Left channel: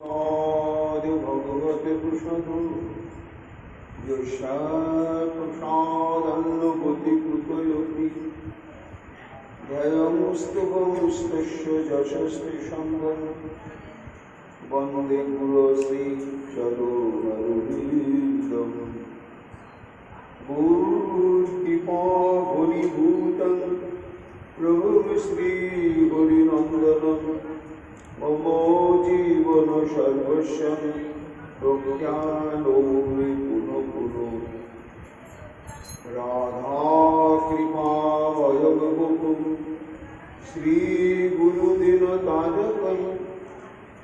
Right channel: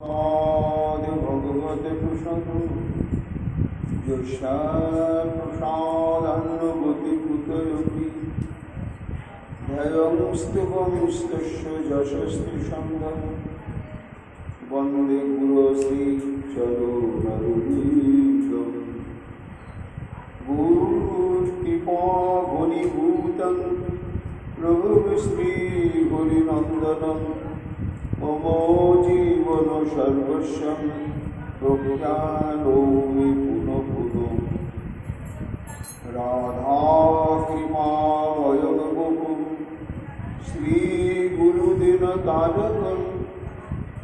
आदि भगवते कुशलं यशाप्रसादन्नगतिकुतयति ध्ययंस्तुवंस्तस्य यशस्तिसङ्गं वन्दे गुरुश्रीचरणरविन्दं गुरुकृपाघनीभूतं प्रभुश्रीहरिनन्दनं मम जीवन सर्वस्वं प्रज्ञानोमि पुनः पुनः राधाकृपायं गोकुं श्रीगुरुदिनतारकं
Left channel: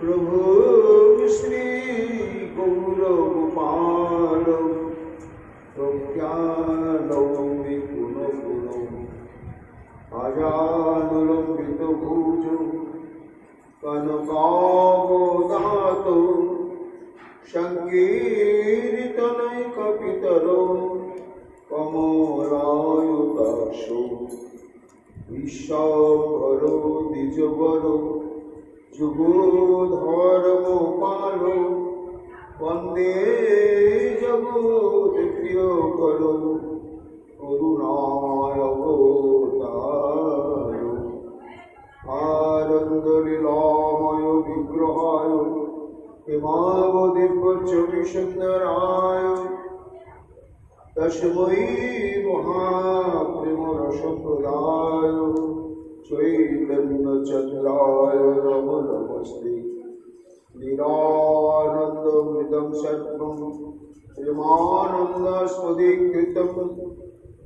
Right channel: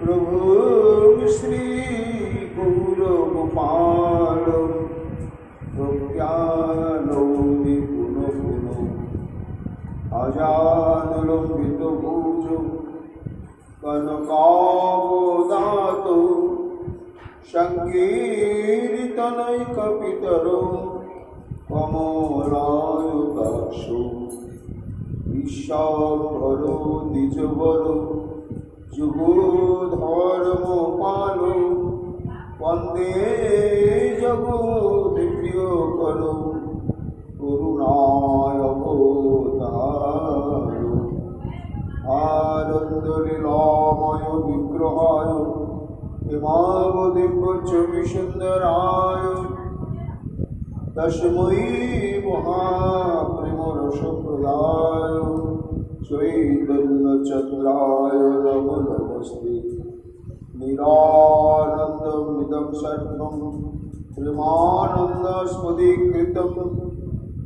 प्रभु श्रीगौरगोपालं प्रज्ञानोमि पुनः पुनः अजानुलम्बितभुजौ कनकावदातो सङ्कीर्तनैकपितरो कमलायुताक्षो विश्वाम्भरो द्विजवरो जुगोधर्मपालो वन्दे जगत्प्रियकरो करुणावतारो आनन्दलीलामय विग्रहाय हिमावदिव्यचरिसुन्दराय तस्मै महाप्रेमरसप्रदाय चैतन्यचन्द्राय नमो नमस्ते निरानन्दमिदं सर्वं प्रेमानन्दस्मदीकृतं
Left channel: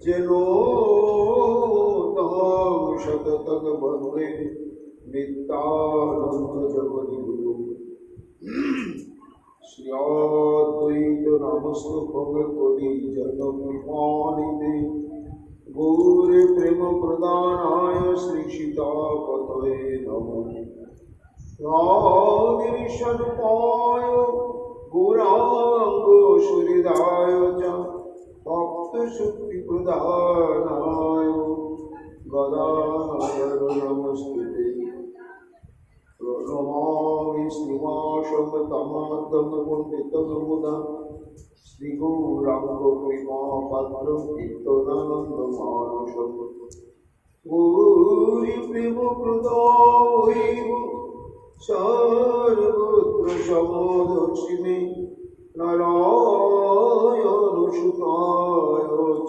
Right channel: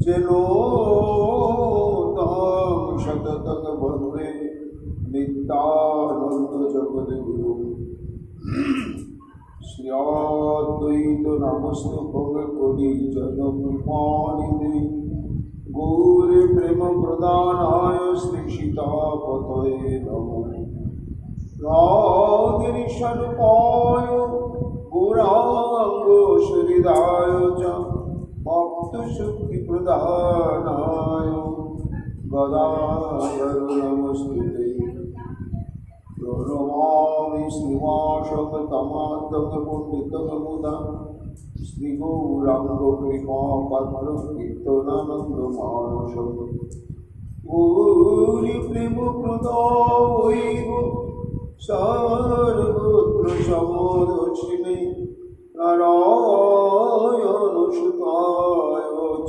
जेनो तं सततं वन्दे नित्यानन्द जगद्गुरु श्री अद्वैत नामस्तुभं कोटि जन्मकृपानिधे गौर प्रेम प्रदानाय श्री सीतापतये नमः राधिनिषद्पाय गौरांग सुहृदाय च भक्तशक्तिप्रदानाय गदाधर नमस्ते प्रणमामि श्रीवासवतमातं पण्डितं मुदां श्रीगौराङ्गकृपापात्रं कीर्तनानन्दमानसं गौरीप्रेमप्रदायैव सर्वत्र समदर्शिने नारायणसुताय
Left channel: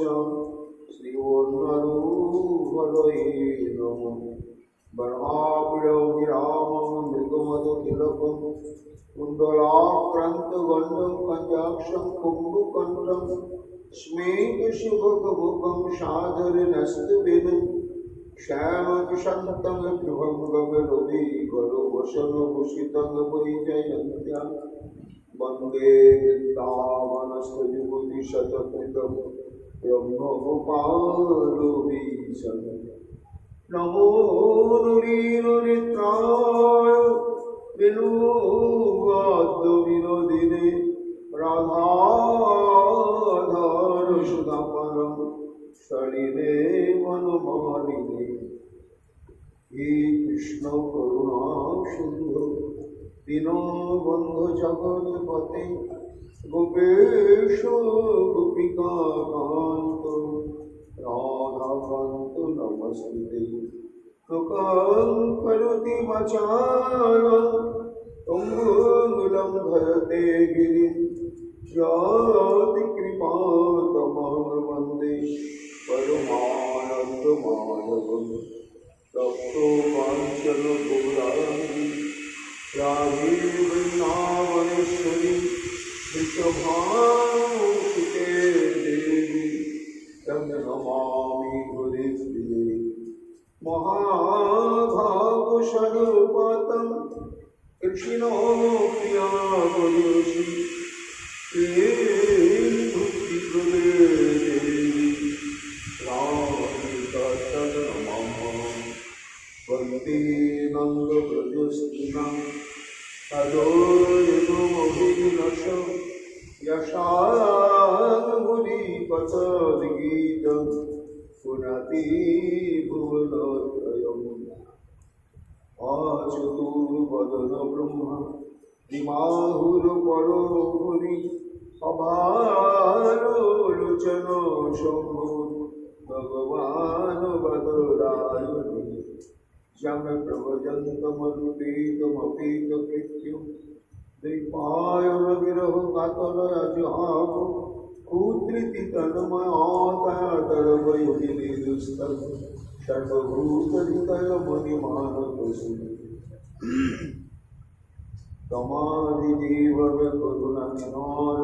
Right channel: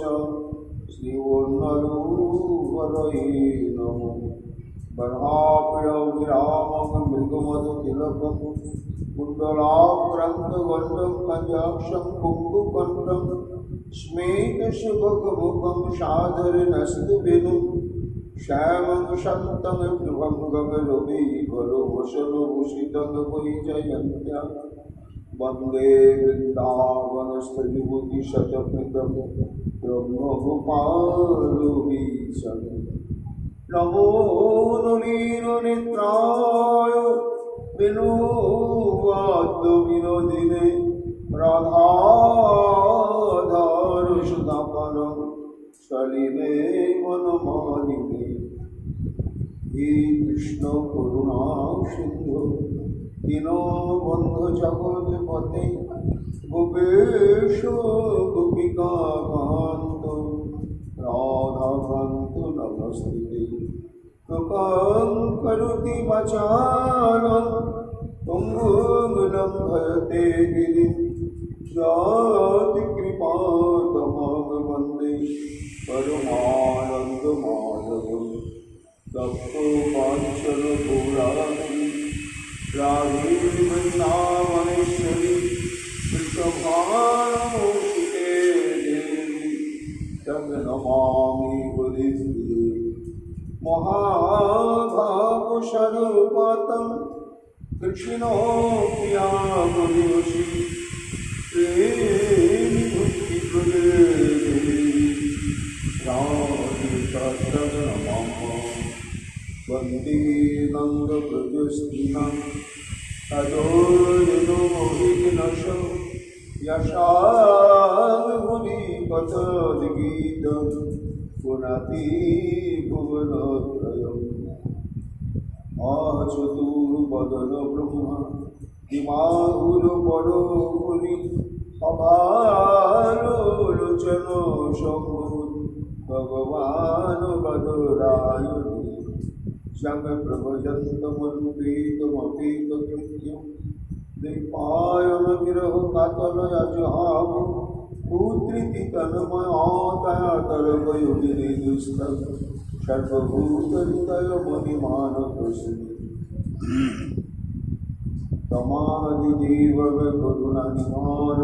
च श्रीवन्नरूपरये नमः बर्हाप्रियविरामं मृगमदतिलकं कुण्डलाक्रान्तगण्डं कञ्जाक्षं कुम्भकण्ठं स्मेतशुभकमुखं सादरनस्तविनं श्यामं शान्तं विभङ्गमरविकरवशनभूषितं वैजयन्त्या वन्दे वृन्दावनस्थयुवतिशतकृतं ब्रह्मगोपालवीशम् नमो नीलनेत्राय विनोदाद्विनोदिने राधाधारसुधापरं सलिले मनमालिने हे कृष्ण करुणा सिन्धु दीनबन्धु जगत्पते गोपेश गोपिकान्त राधाकान्त नमस्ते कृपां करोति वाचालं तुङ्गं भजते गिरिं याति कृपातमं वन्दे परमानन्दमाधवं तप्तकाञ्चनगौराङ्गी राधे वृन्दावनेश्वरी वृषभानुसुते देवी तं नमामि हरिप्रिये महाभावस्वरूपं कृष्णो प्रियावयोषि प्रेमभक्तिप्रदे देवी राधिकातं नमामि वन्दे नन्दव्रजस्त्रीणां तदोर्जनो मोहितनशो यशाङ्गुलीपथगीतं पुनति भुवनत्रयम् चतुर्वदन ब्रह्मा দিমাহুর পরপুরি অভালোচন শম্ভুর ভগবান বদরায়ণী জগ প্রভজন্তমনুপেতমপেত কৃত্যম দৈপায়ন বিরহ কাতলয়া জহাম পুত্রিতি তন্ময়াতরবয়োগিনে দুস্তম সর্বভূতরিতয় মণিমানতস্মি তমাদিদেব করুণা নিধান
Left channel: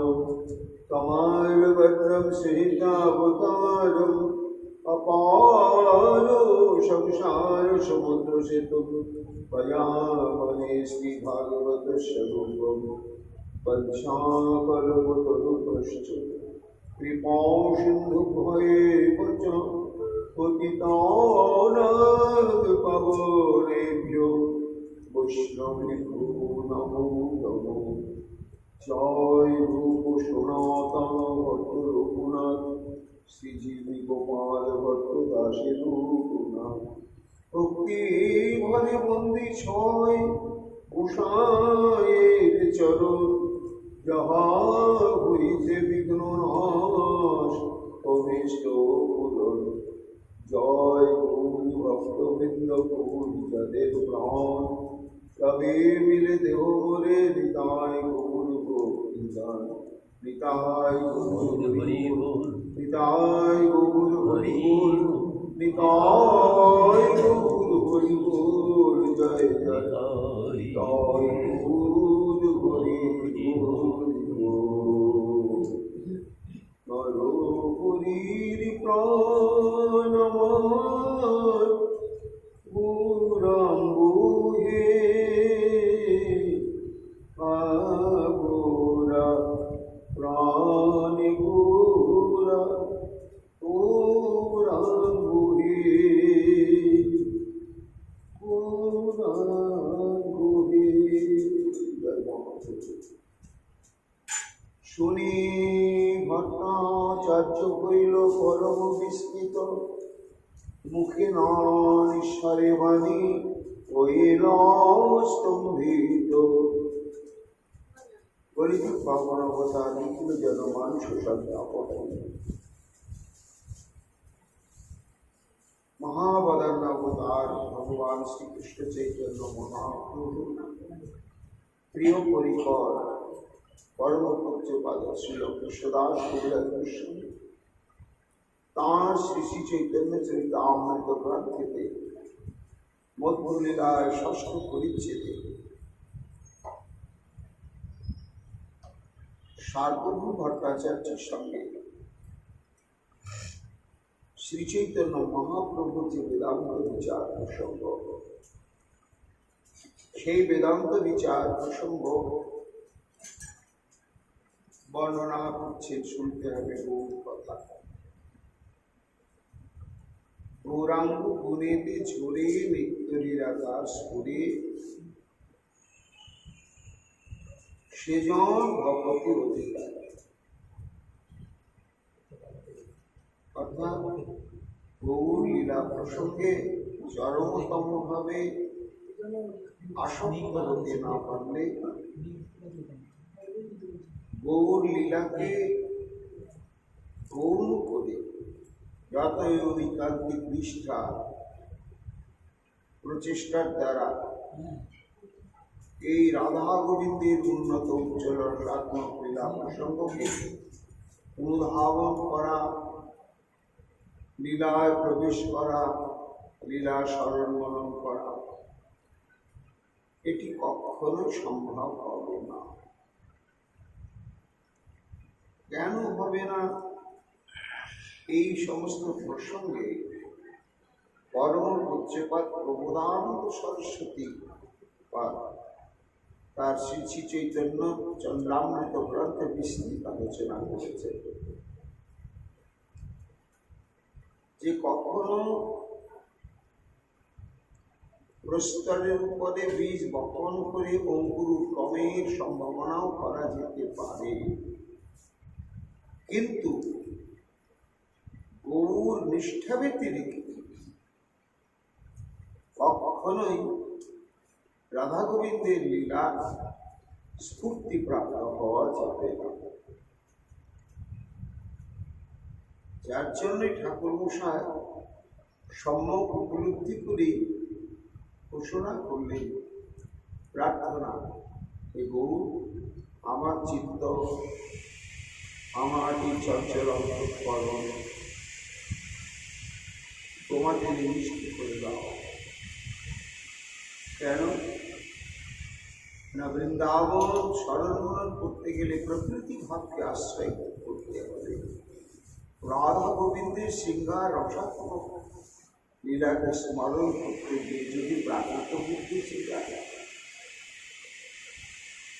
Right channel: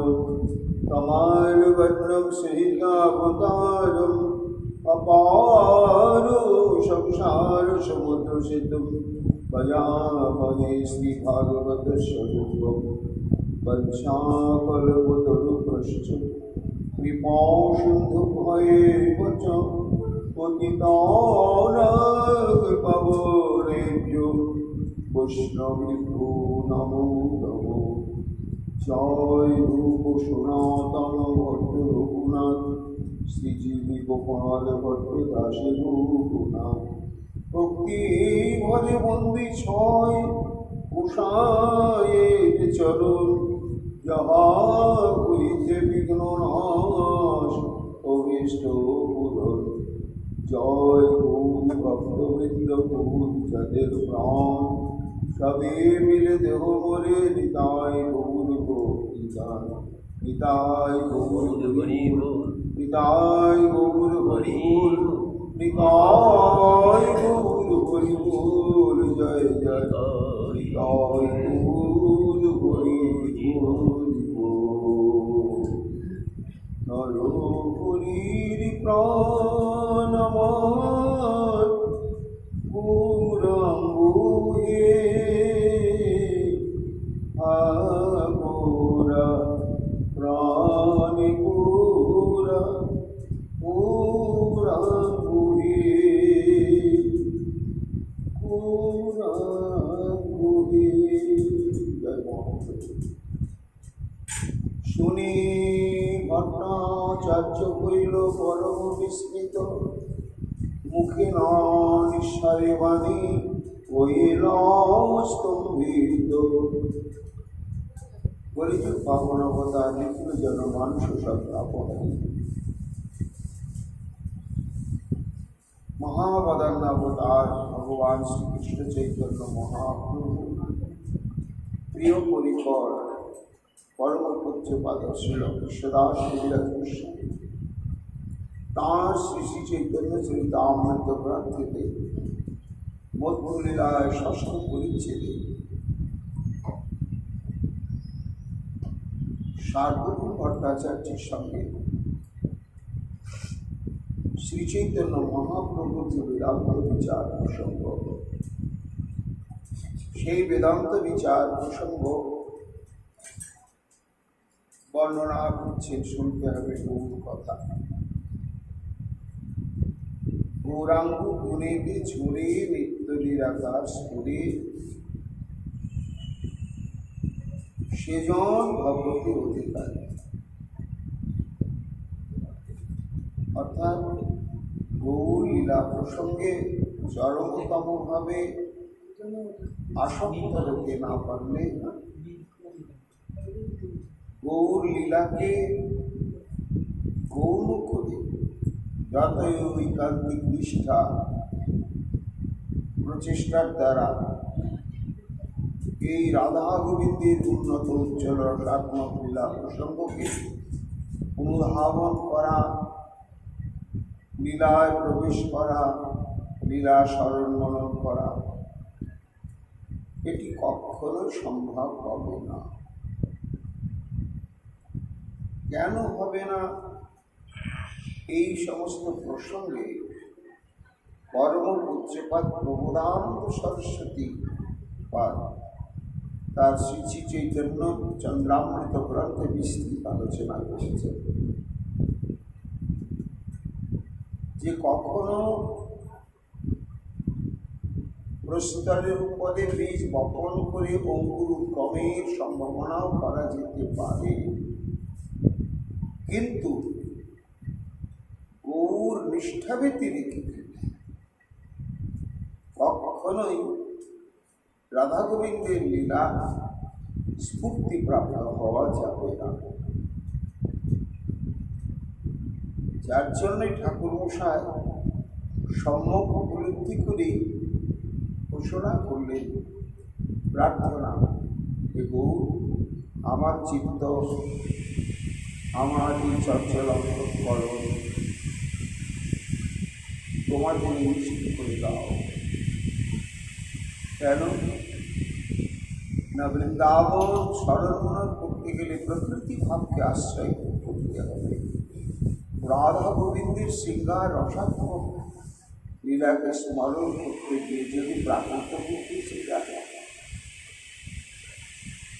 তমার ভদ্রম সহিতাবতারম অপার সংসার সমুদ্র সেতু ভয়ামহে শ্রী ভাগবত স্বরূপম বঞ্চাকল্পতরুভ্যশ্চ কৃপা সিন্ধু ভয়েব চ পতিতানাং পাবনেভ্যো বৈষ্ণবেভ্যো নমো নমো। জয় রূপ সনাতন ভট্ট রঘুনাথ শ্রীজীবী গোপাল ভট্ট দাসে রঘুনাথ ভক্তি ভরে বন্দি ছয় উষায়ের চরণ যাহা হইতে বিঘ্ন নাশ অভীষ্ট পূরণ। জয় গৌর ভক্তবৃন্দ গৌর যাদের প্রাণ সবে মিলে দেহ মোরে নিতাই গৌর গোপীদান নিতাই গৌর হরিবোল নিতাই গৌর হরিবোল নিতাই গৌর হরিবোল জয় জয় নিতাই গৌর হরিবোল। নর হরির প্রাণ আমার গৌরাঙ্গে আগোরা প্রাণে গৌরা গৌরাঙ্গে গৌরাঙ্গে। শুনি ভট্টাচার্য হইল পরম বিস্মিত মুখে নিঃস্বরে বাণী হইল স্তম্ভিত। গরিব পাবন অবতার নিখিল যেন মানুষ সব অপহারী মহাবদান্য অবতার ভগবান শ্রীকৃষ্ণ চৈতন্য মহাপ্রভু প্রিয় পরিকর পরম পূজ্যপাদ শ্রীল কৃষ্ণদাস কবিরাজ গোস্বামী তাঁর শ্রী শ্রী চৈতন্য চরিতামৃত গ্রন্থেতে মধ্যলীলায় ষষ্ঠ পরিচ্ছেদে সার্বভৌম ভট্টাচার্যের সঙ্গে শ্রী চৈতন্য মহাপ্রভুর যে বেদান্ত বিচার প্রসঙ্গ, সেই বেদান্ত বিচার প্রসঙ্গ বর্ণনা করছে। শুনতে হবে বহু কথা। গৌরাঙ্গ গুণেতে ঝরে নিত্যলীলা দাস করে সেজন ভগবতী অধিকারী। অর্থাৎ গৌর লীলা প্রসঙ্গে চরমতম ভাবে আসক্ত হতে না পারলে গৌর লীলাকে গৌণ করে যতই ঐকান্তিক নিষ্ঠা প্রচেষ্টার দ্বারা এই রাধা গোবিন্দের উন্নত উজ্জ্বল রসাত্মক লীলা প্রসঙ্গকে অনুধাবন করা, লীলায় প্রবেশ করা, লীলা স্মরণ মনন করা, এটি কখনো সম্ভব হবে না। কেন হবে না? এই সমস্ত প্রসঙ্গে পরম পূজ্যপাদ প্রবোধানন্দ সরস্বতী পাদ তার শ্রী শ্রী চৈতন্য চন্দ্রামৃত গ্রন্থে বিস্তৃত আলোচনা করেছে যে কখনো প্রস্তরের উপরে বীজ বপন করে অঙ্কুর উদ্গমের সম্ভাবনাও করা যেতে পারে, কিন্তু গৌর নিষ্ঠা ব্যতিরেকে কখনোই রাধা গোবিন্দের লীলা স্ফূর্তিপ্রাপ্ত হওয়া যাবে না। যার জন্যই ঠাকুর মশাই সম্যক উপলব্ধি করে ঘোষণা করলেন, প্রার্থনা, এ গৌর আমার চিত্ত, আমার এই চঞ্চল অন্তঃকরণ তোমাদের নিশ্চিত করে দাও। কেন না, বৃন্দাবন স্মরণ করতে গেলে প্রকৃতি ভাবকে আশ্রয় করতে হবে। রাধা গোবিন্দের শৃঙ্গার রসাত্মক লীলাকে স্মরণ করতে গিয়ে যদি প্রাকৃত বুদ্ধি চিন্তা,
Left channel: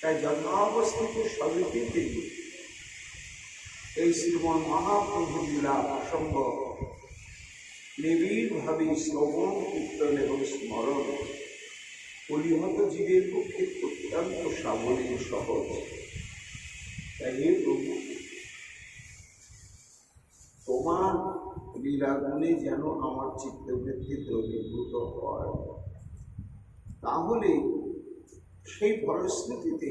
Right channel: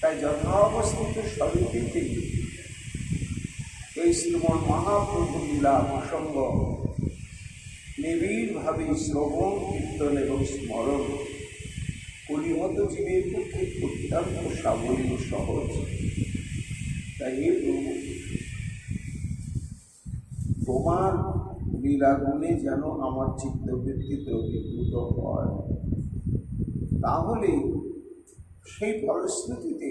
তাই যথাবস্থিত স্বরূপে এই শ্রীমন মহাপ্রভু লীলা প্রসঙ্গ নিবিড়ভাবে শ্রবণ, কীর্তন এবং স্মরণ কলিহত জীবের পক্ষে অত্যন্ত সাবলীল সহজ। তাই এ প্রভু, তোমার লীলাগুণে যেন আমার চিত্তবৃত্তি দ্রবীভূত হয়, তাহলে সেই ফলশ্রুতিতে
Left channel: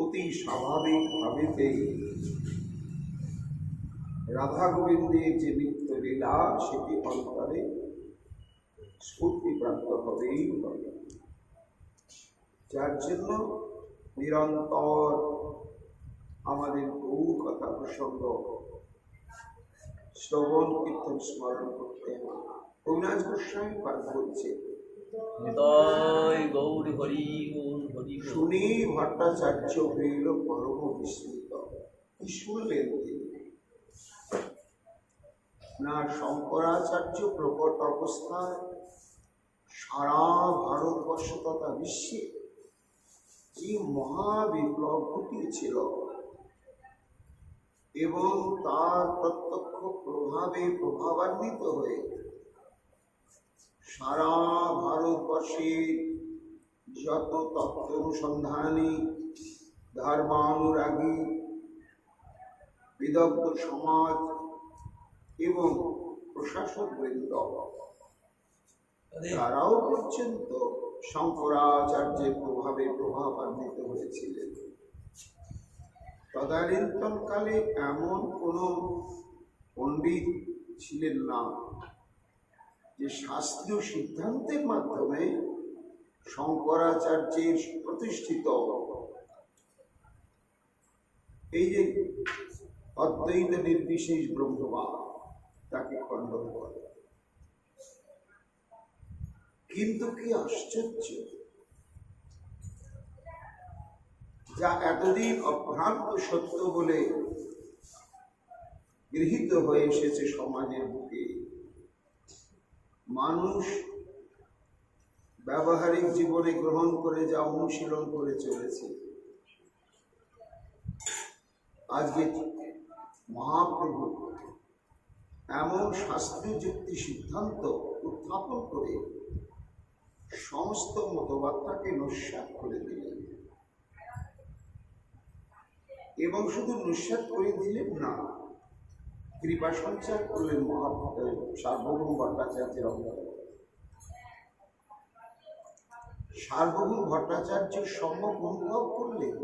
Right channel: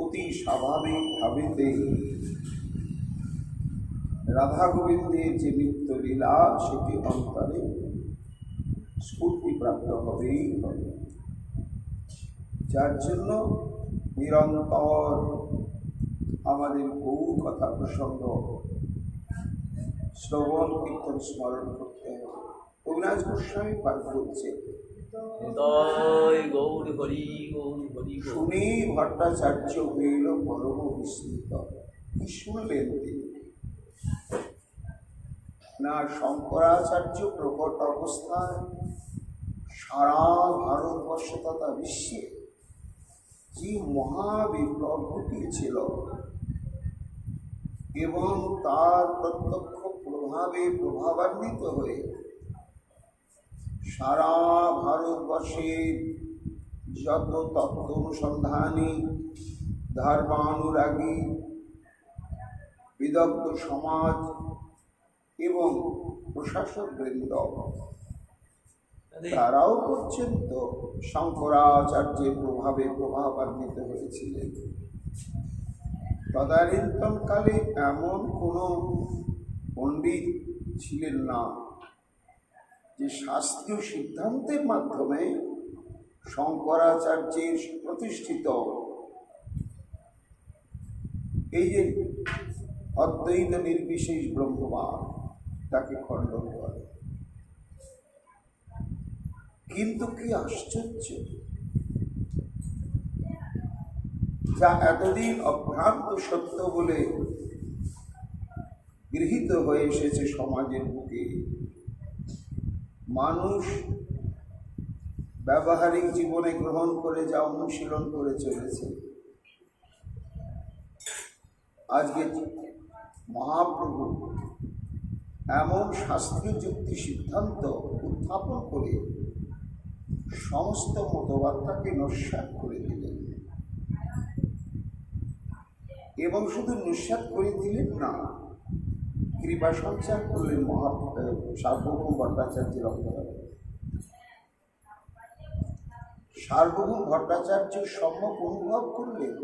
অতি স্বাভাবিকভাবে রাধা গোবিন্দের যে নিত্য লীলা সেটি অন্তরে স্ফূর্তিপ্রাপ্ত হবেই হবে। যার জন্য নিরন্তর আমাদের বহু কথা প্রসঙ্গ শ্রবণ, কীর্তন, স্মরণ করতে হবে। অবিনাশ গোস্বামী পাঠ করছে, শুনি ভট্টাচার্য হইল পরম বিস্মিত। কি শুনলেন তিনি? না, শঙ্করাচার্য প্রকট অবস্থায় সারা ভারতবর্ষ তথা বিশ্বে যে মহাবিপ্লব ঘটিয়েছিল এবং তার প্রত্যক্ষ প্রভাবে প্রভাবান্বিত হয়ে সারা ভারতবর্ষের যত তত্ত্ব অনুসন্ধানী, ধর্মানুরাগী, বিদগ্ধ সমাজ এবং প্রশাসক বৃন্দ তারাও পর্যন্ত শঙ্করাচার্যের প্রভাবে প্রভাবান্বিত হয়েছিলেন। তদানীন্তনকালে এমন কোনো পণ্ডিত ছিলেন না যে শাস্ত্রীয় সিদ্ধান্তের মাধ্যমে শঙ্করাচার্যের প্রতিষ্ঠিত এই যে অদ্বৈত নির্বিশেষ ব্রহ্মবাদ তাকে খণ্ডন করে। কিন্তু কি আশ্চর্য, যা এতদিন অভ্রান্ত সত্য বলে গৃহীত হয়ে এসেছে সমাজের বুকে, মানুষ ব্যবহারিক জীবনে গ্রহণ করে যা অনুশীলন করে চলেছে, আজকে মহাপ্রভু এমন শাস্ত্রীয় যুক্তি সিদ্ধান্ত উত্থাপন করে সমস্ত মতবাদটাকে নস্যাৎ করে দিলেন। এবং শুধু নস্যাৎ করে দিলেন না, কৃপা সঞ্চার করলেন সার্বভৌম ভট্টাচার্যের অন্তরে। সার্বভৌম ভট্টাচার্য সম্যক অনুভব করলেন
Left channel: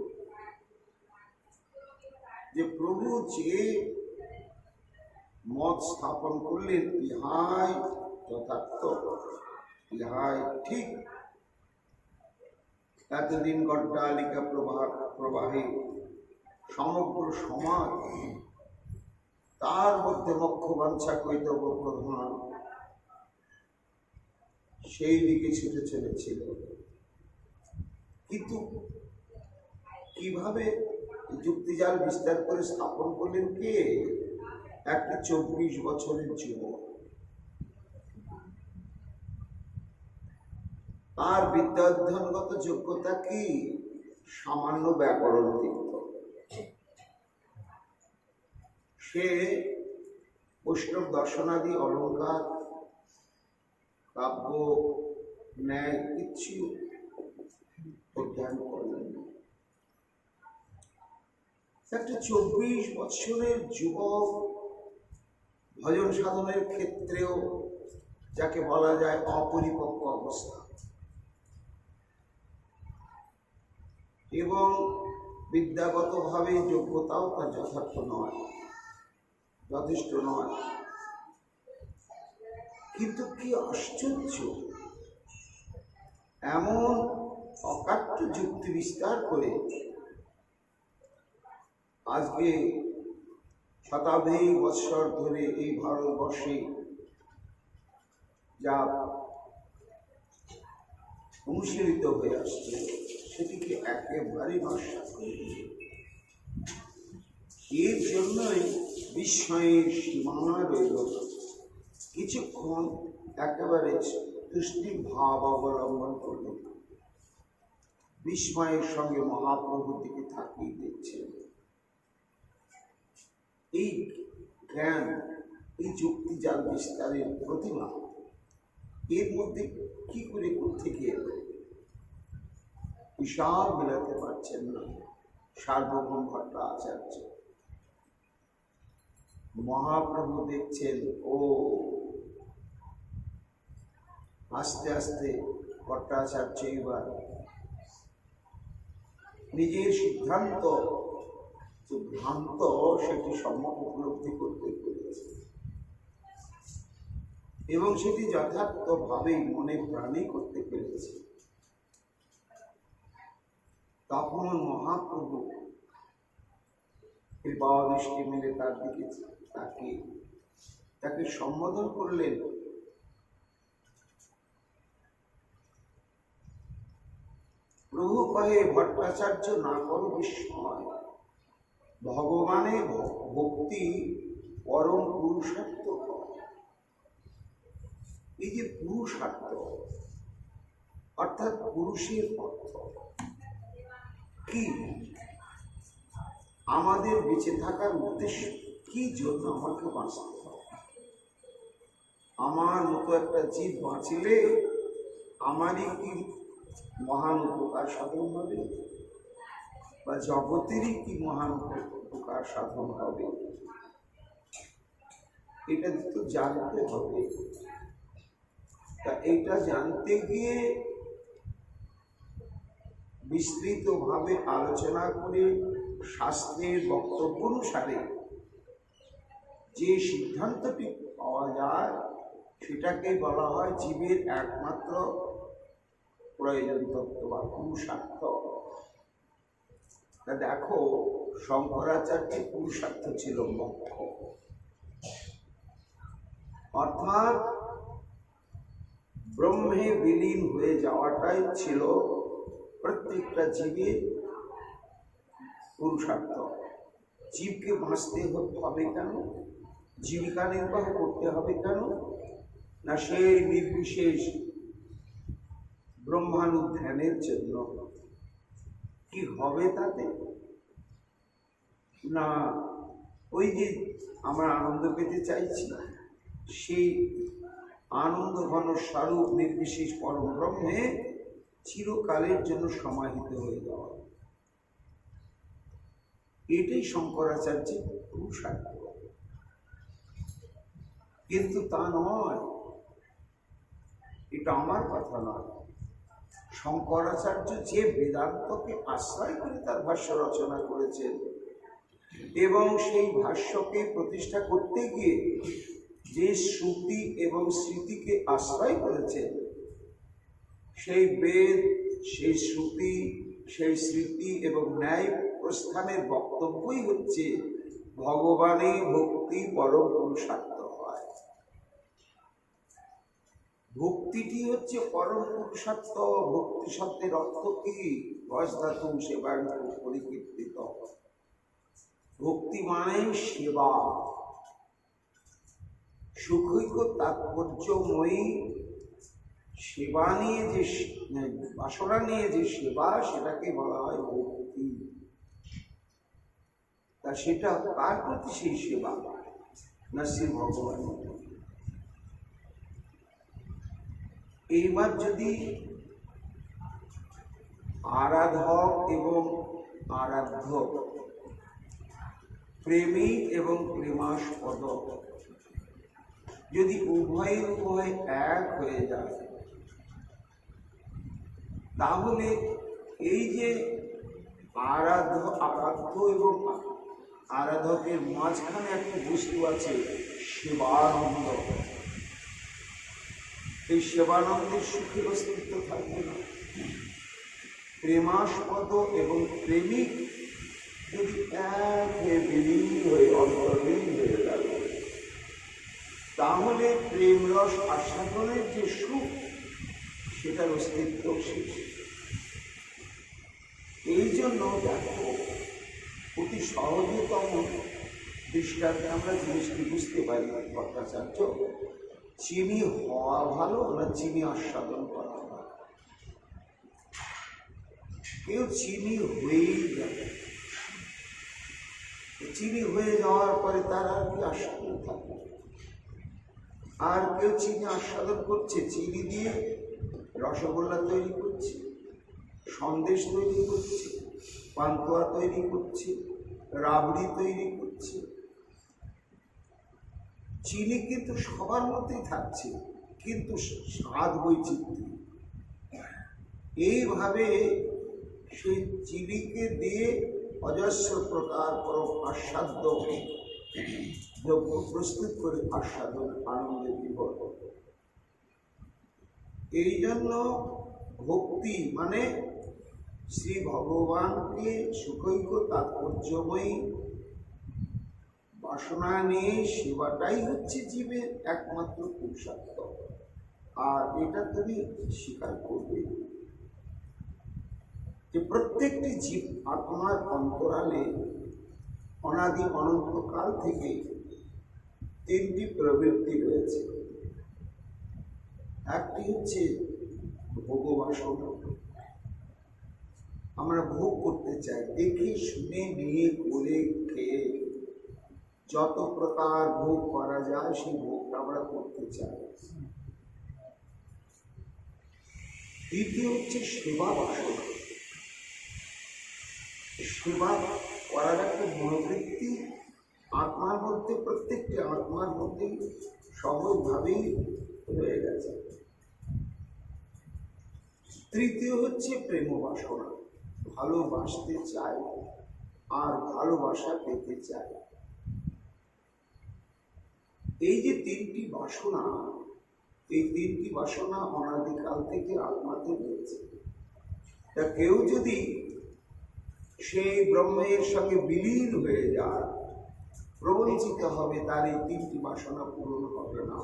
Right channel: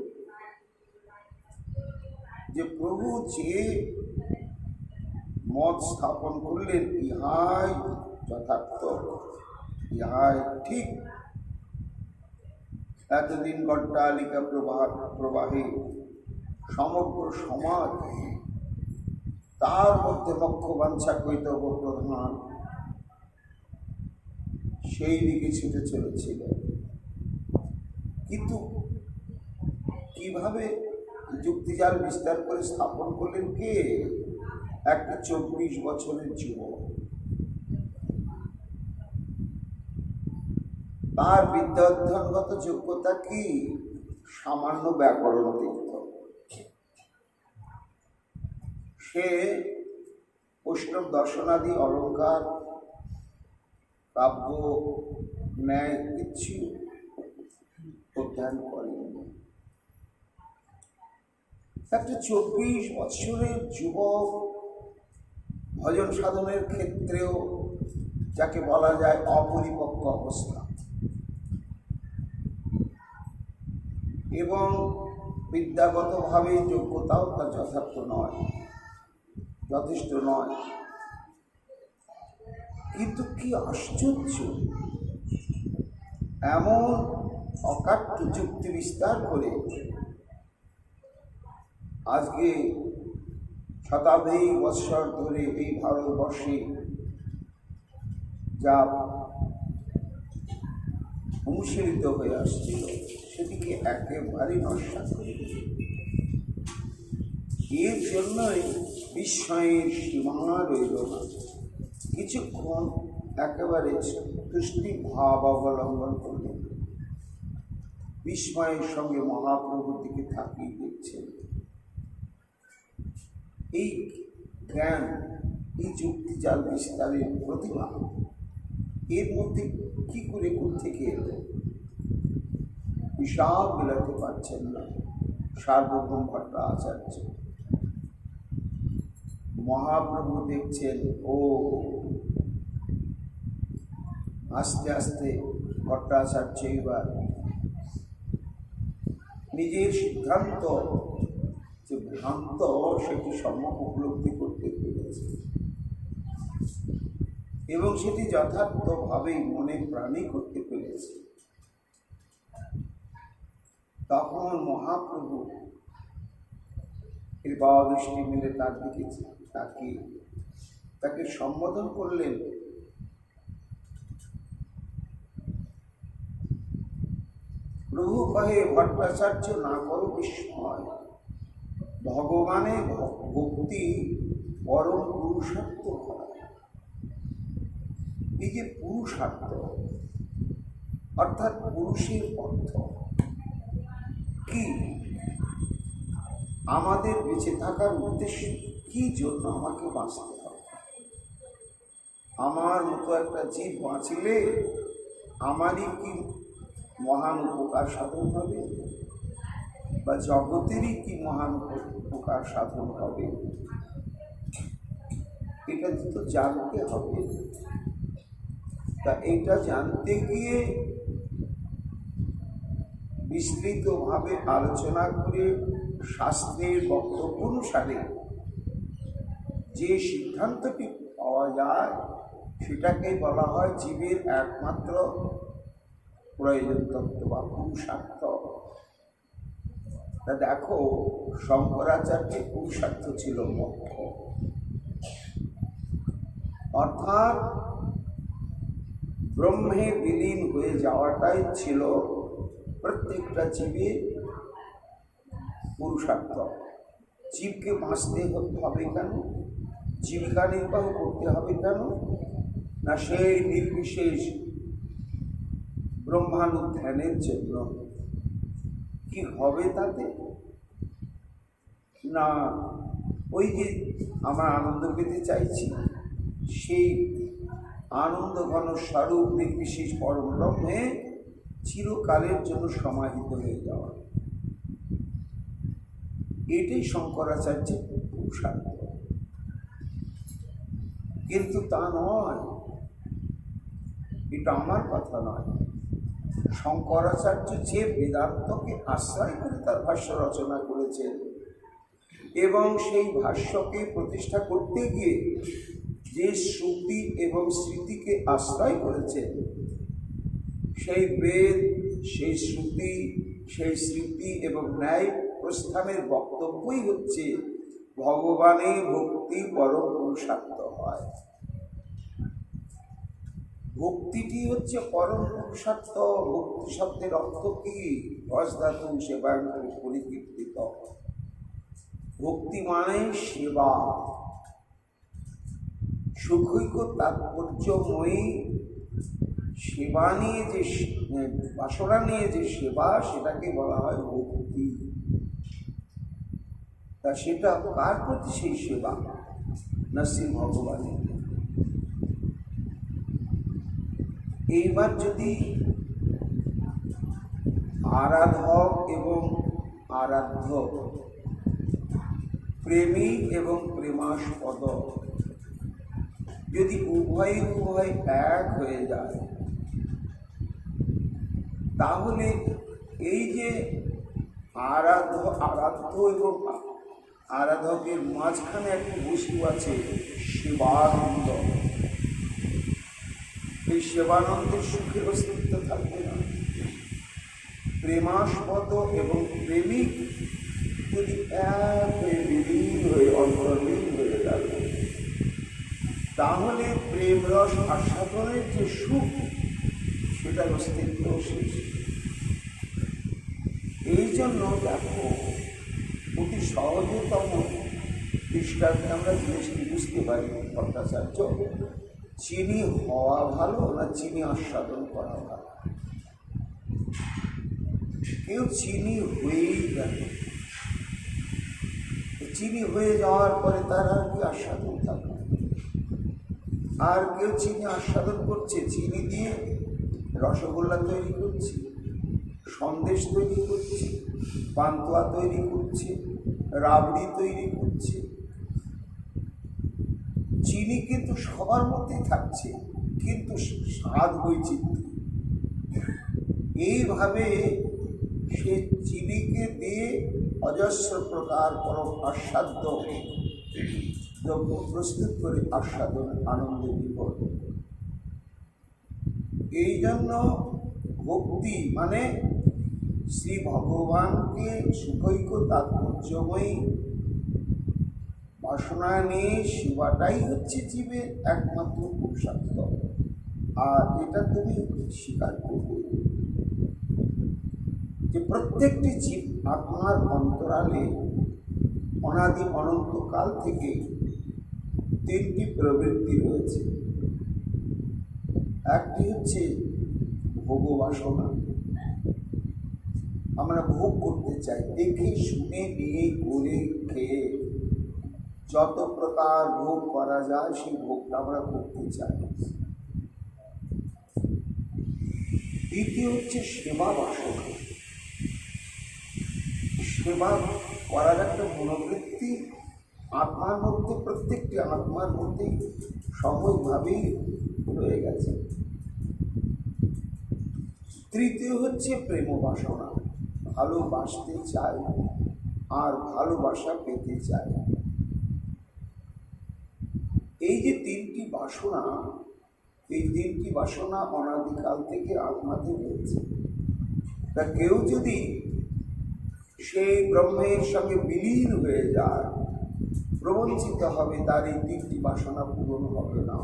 যে প্রভু যে মত স্থাপন করলেন ইহাই যথার্থ, ইহাই ঠিক। এতদিন গড্ডালিকা প্রবাহে সমগ্র সমাজ তার মধ্যে লক্ষ্যবাঞ্ছা কৈতব্য প্রধান সেই দিকে ছুটে চলেছিল। কিন্তু কিভাবে যুক্তিজাল বিস্তার করে স্থাপন করলেন কে? একটা 24 বছরের যুবক। তার বিদ্যা অধ্যয়নগত যোগ্যতা কি? সামান্য ব্যাকরণ তীর্থ। সে বৈষ্ণব দর্শনাদি, অলঙ্কার, কাব্য, ন্যায় কিছু অধ্যয়ন করেন। একটা 24 বছরের যুবক ভজন সাধনের ক্ষেত্রেও যাকে বলা যায় অপরিপক্ক অবস্থা, এবং বিদ্যাগতভাবে যোগ্যতাও তার যথার্থ নয়, যথেষ্ট নয়। কিন্তু কি আশ্চর্য, এমন অকাট্য যুক্তি বিস্তার করে আজকে শতাব্দী বৎসর ধরে এই ভারতবর্ষে যা অনুশীলিত হয়ে আসছিল সেটিকে একেবারে নস্যাৎ করে দিল। এর জন্যই বিস্ময়ের সীমা রইল না। কিছুক্ষণ একেবারে তুষ্টি ভাব অবলম্বন করলেন, বিস্ময়ের সঙ্গে মহাপ্রভুর দিকে তাকিয়ে দেখছেন। এই জ্ঞান, এই যুক্তি জাল বিস্তারের প্রতিভা এর মধ্যে কি করে থেকে এলো হিসাব মেলাতে পারছেন না সার্বভৌম ভট্টাচার্য। মহাপ্রভু দেখছেন, ও আস্তে আস্তে ভট্টাচার্য এবার নিজের সিদ্ধান্ত যে ভ্রান্ত সেটি সম্যক উপলব্ধি করতে পেরেছে এবং সেটি যথার্থভাবেই মনে প্রাণে করতে পেরেছে। তখন মহাপ্রভু কৃপাদৃষ্টি মেলে তার দিকে তাকে সম্বোধন করলেন, প্রভু কহে, ভট্টাচার্য না করো বিস্ময়, ভগবানে ভক্তি পরম পুরুষার্থ হয়। এই যে পুরুষার্থ অর্থাৎ পুরুষের অর্থ কি, আমাদের বেঁচে থাকার উদ্দেশ্য কি, জন্য আমাকে বাঁচতে হবে। আমার মতো একটা জীব বাঁচলে আমারই কি মহান উপকার সাধন হবে, বা জগতেরই কি মহান উপকার সাধন হবে, এটা তো জানতে হবে। তা এটা জানতে গিয়ে বিস্তৃতভাবে আলোচনা করে শাস্ত্রের বক্তব্য অনুসারে যে সিদ্ধান্তটি পাওয়া যায় সেটাকে বলা হয় জীবের একমাত্র প্রয়োজন তত্ত্ব বা পুরুষার্থ। তা দেখো, শঙ্করাচার্যের পুরুষার্থ ছিল মোক্ষ, অর্থাৎ ব্রহ্মে বিলীন হয়ে যাওয়াটাই ছিল প্রত্যেকটা জীবের পুরুষার্থ। জীবকে বাঁচতে হবে কেন, জীবিকা নির্বাহ করতে হবে কেন, না সেই নির্বিশেষ ব্রহ্মানুধ্যানের জন্য। কি হবে তাতে, না ওই যে আমরা আনন্দ পেতে চাইছি সেই আনন্দ ঘন স্বরূপ নির্বিশেষ পরম ব্রহ্মে চিরকালের জন্য সমাহিত হয়ে যাওয়া, এটাই শঙ্করাচার্যের পুরুষার্থ। কিন্তু তা নয়, এটা আমার কথা নয়। শঙ্করাচার্য যে বেদান্তকে আশ্রয় করে তার ভাষ্য রচনা করেছেন এবং সেই ভাষ্যকে প্রতিষ্ঠা করতে গিয়ে যে শ্রুতি এবং স্মৃতিকে আশ্রয় করেছেন, সেই বেদ, সেই শ্রুতি, সেই স্মৃতি এবং ন্যায় প্রস্থানের বক্তব্যই হচ্ছে ভগবানে ভক্তি পরম পুরুষার্থ হয়। ভক্তিটি হচ্ছে পরম পুরুষার্থ। ভক্তি শব্দের অর্থ কি, ভজধাতু সেবায় পরিকীর্তিত। ভক্তি মানে সেবা, সুখৈক তাৎপর্যময়ী সেবা নিয়ে যে বাসনা নিয়ে যে সেবা, সেটাকে বলা হয় ভক্তি। তা সেটা কার প্রতি সেই সেবা, না শ্রী ভগবানের। এইবার যদি আরাধক এবং আরাধ্য, প্রেমী এবং প্রেমাস্পদ যদি উভয় এক হয়ে যায়, তাহলে এই যে আরাধ্য এবং আরাধকের মাঝখানে একটা বস্তু আছে, সেবানন্দ। এই সেবানন্দের সুখের অস্তিত্ব থাকবে না। প্রেমাস্পদ এবং প্রেমিক যদি একে বিলীন হয়ে অন্তর্লীন হয়ে গেল, তাহলে প্রেম রস আস্বাদনের যে সুখ, সেটার অস্তিত্ব শেষ। এই জন্য দেখো, অতি সহজতম দৃষ্টান্তে আমরা জিনিসটি বুঝতে পারি ভট্টাচার্য, চিনি হওয়া ভালো না চিনি আস্বাদন করা ভালো? কেউ চিনি হয়েই গেল, চিনি হয়ে যাওয়ার পরে তার আর কি আস্বাদন থাকে? আর কেউ চিনি আস্বাদন করছে, চিনি দিয়ে রসগোল্লা তৈরি করছে, সন্দেশ তৈরি করছে, পান্তুয়া তৈরি করছে, রাবড়ি তৈরি করছে। চিনি কিন্তু সবার মধ্যেই থাকছে, কিন্তু স্বাদ বৈচিত্র্য। এইভাবে সে চিনিকে দিয়ে অজস্র প্রকার পরম আস্বাদ্য দ্রব্য প্রস্তুত করে আস্বাদন আনন্দে বিভোর। এই জন্য ভক্তি মানে শ্রী ভগবানকে সুখৈক্য তাৎপর্যময়ী বাসনা নিয়ে সেবাটাই হচ্ছে জীবের একমাত্র পুরুষার্থ। আর এটা তুমি স্বীকার করবে যে প্রত্যেকটি জীব আত্মার অন্তরালে অনাদি অনন্তকাল থেকে তিনটি প্রবৃত্তি রয়েছে। একটি হচ্ছে ভোগবাসনা, আমরা ভোগ করতে চাই, দেখে শুনে নিয়ে করে খেয়ে যত প্রকার ভোগ করা যায় সেই ভোগটা আমরা করতে চাই। দ্বিতীয় হচ্ছে সেবা বাসনা, সেবা করার একটা মনোবৃত্তি আত্মার মধ্যে, প্রত্যেকটি আত্মার মধ্যেই সহজভাবেই রয়ে গেছে। তৃতীয় হচ্ছে প্রেম বাসনা, ভালোবাসতে চাই আর ভালোবাসা পেতে চাই। এই যে তিনটি বাসনা, এই তিনটি বাসনা অনাদিকাল থেকে আত্মাতে রয়েছে। তা কেউ যদি সেই ব্রহ্মের সঙ্গে বিলীন হয়ে যায়, প্রবঞ্চিত হবে, তার এই তিনটি বাসনা পূরণ হবে না।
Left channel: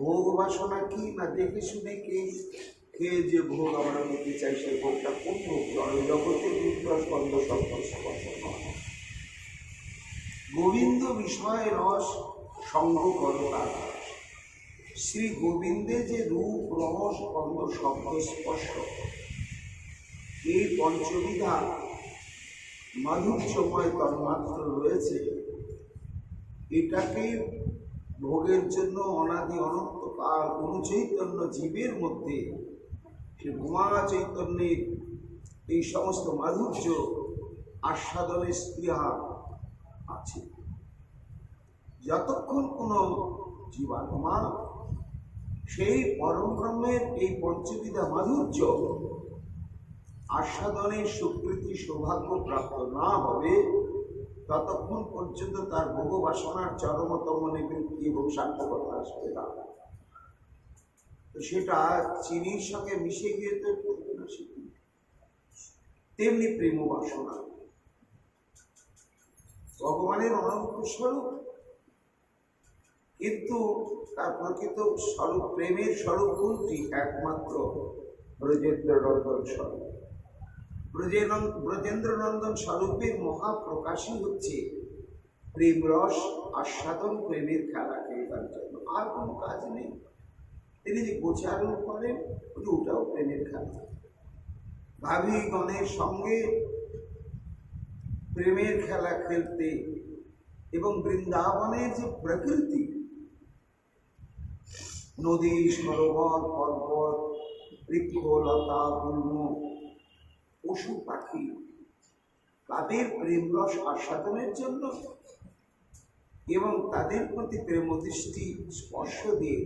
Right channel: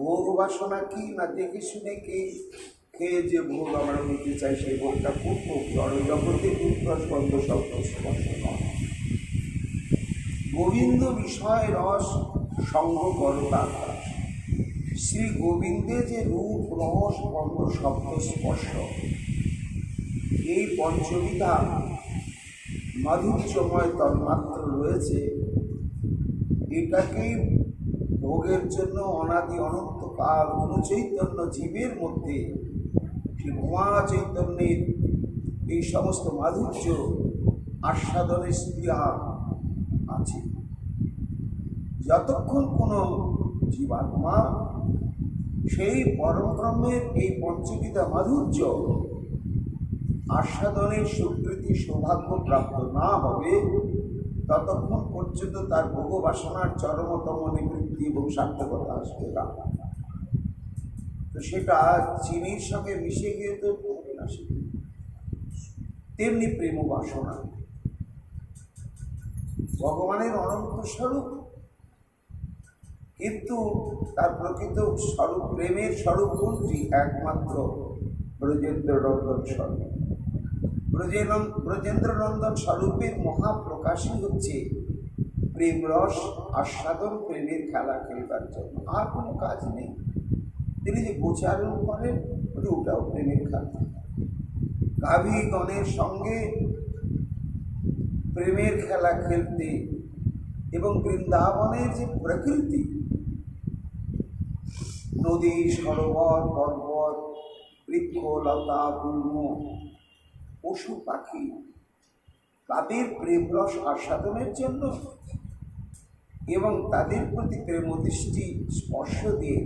ভোগ বাসনা কি না, দেখে শুনে খেয়ে যে ভোগ আমরা নিতে চাই, সেই ভোগটা কোন ভোগ? জড়জগতে পুত্রস্পন্দ শব্দ স্পর্শ নয়। গোবিন্দ বিষয় রস সঙ্গ করতা, শ্রী গোবিন্দে যে রূপ রস গন্ধ শব্দ স্পর্শ, এই পঞ্চবিধা মাধুর্যময় তন্মাত্র রয়েছে। এটাকেই ভোগের জন্য অনাদি অনন্তকাল অনুচৈতন্য জীবের মধ্যে, সে ভুয়া চৈতন্যের এই সমস্ত মাধুর্য আস্বাদনের স্পৃহা আছে। যতক্ষণ কোনো জীবাত্মা সেই পরম ব্রহ্মের এই পঞ্চবিধা মাধুর্য আস্বাদনের সুকৃতি সৌভাগ্য প্রাপ্ত না হবে, ততক্ষণ পর্যন্ত তার ভোগ বাসনার চরমতম নিবৃত্তি এবং সার্থকতা আসবে না। তো সেটা চিনির সঙ্গে মিশে গিয়ে তো হবে না। তেমনি প্রেম বাসনা ভগবানের অনন্ত স্বরূপ, কিন্তু তার প্রকৃত স্বরূপ, প্রেমের স্বরূপ কোনটি? একমাত্র ব্রজেন্দ্রনন্দন স্বরূপ। ব্রজেন্দ্রনন্দন স্বরূপের মহাপ্রকাশই হচ্ছে প্রেম রস আস্বাদন, প্রেমের খেলা খেলবার জন্য। আর কোনো কাজ নেই। তিনি যে গোচারণ করেন, ওটাও প্রেমের খেলা। গাভীগণের সঙ্গে প্রেমের খেলা খেলতে, এবং বৃন্দাবনের যে প্রকৃতি, নদী, সরোবর, পর্বত, বৃক্ষ, লতা, গুল্ম, পশু পাখি, তাদের প্রেম রস আস্বাদনের জন্য এবং তাদের প্রতি প্রেম দৃষ্টি স্পর্শ দিয়ে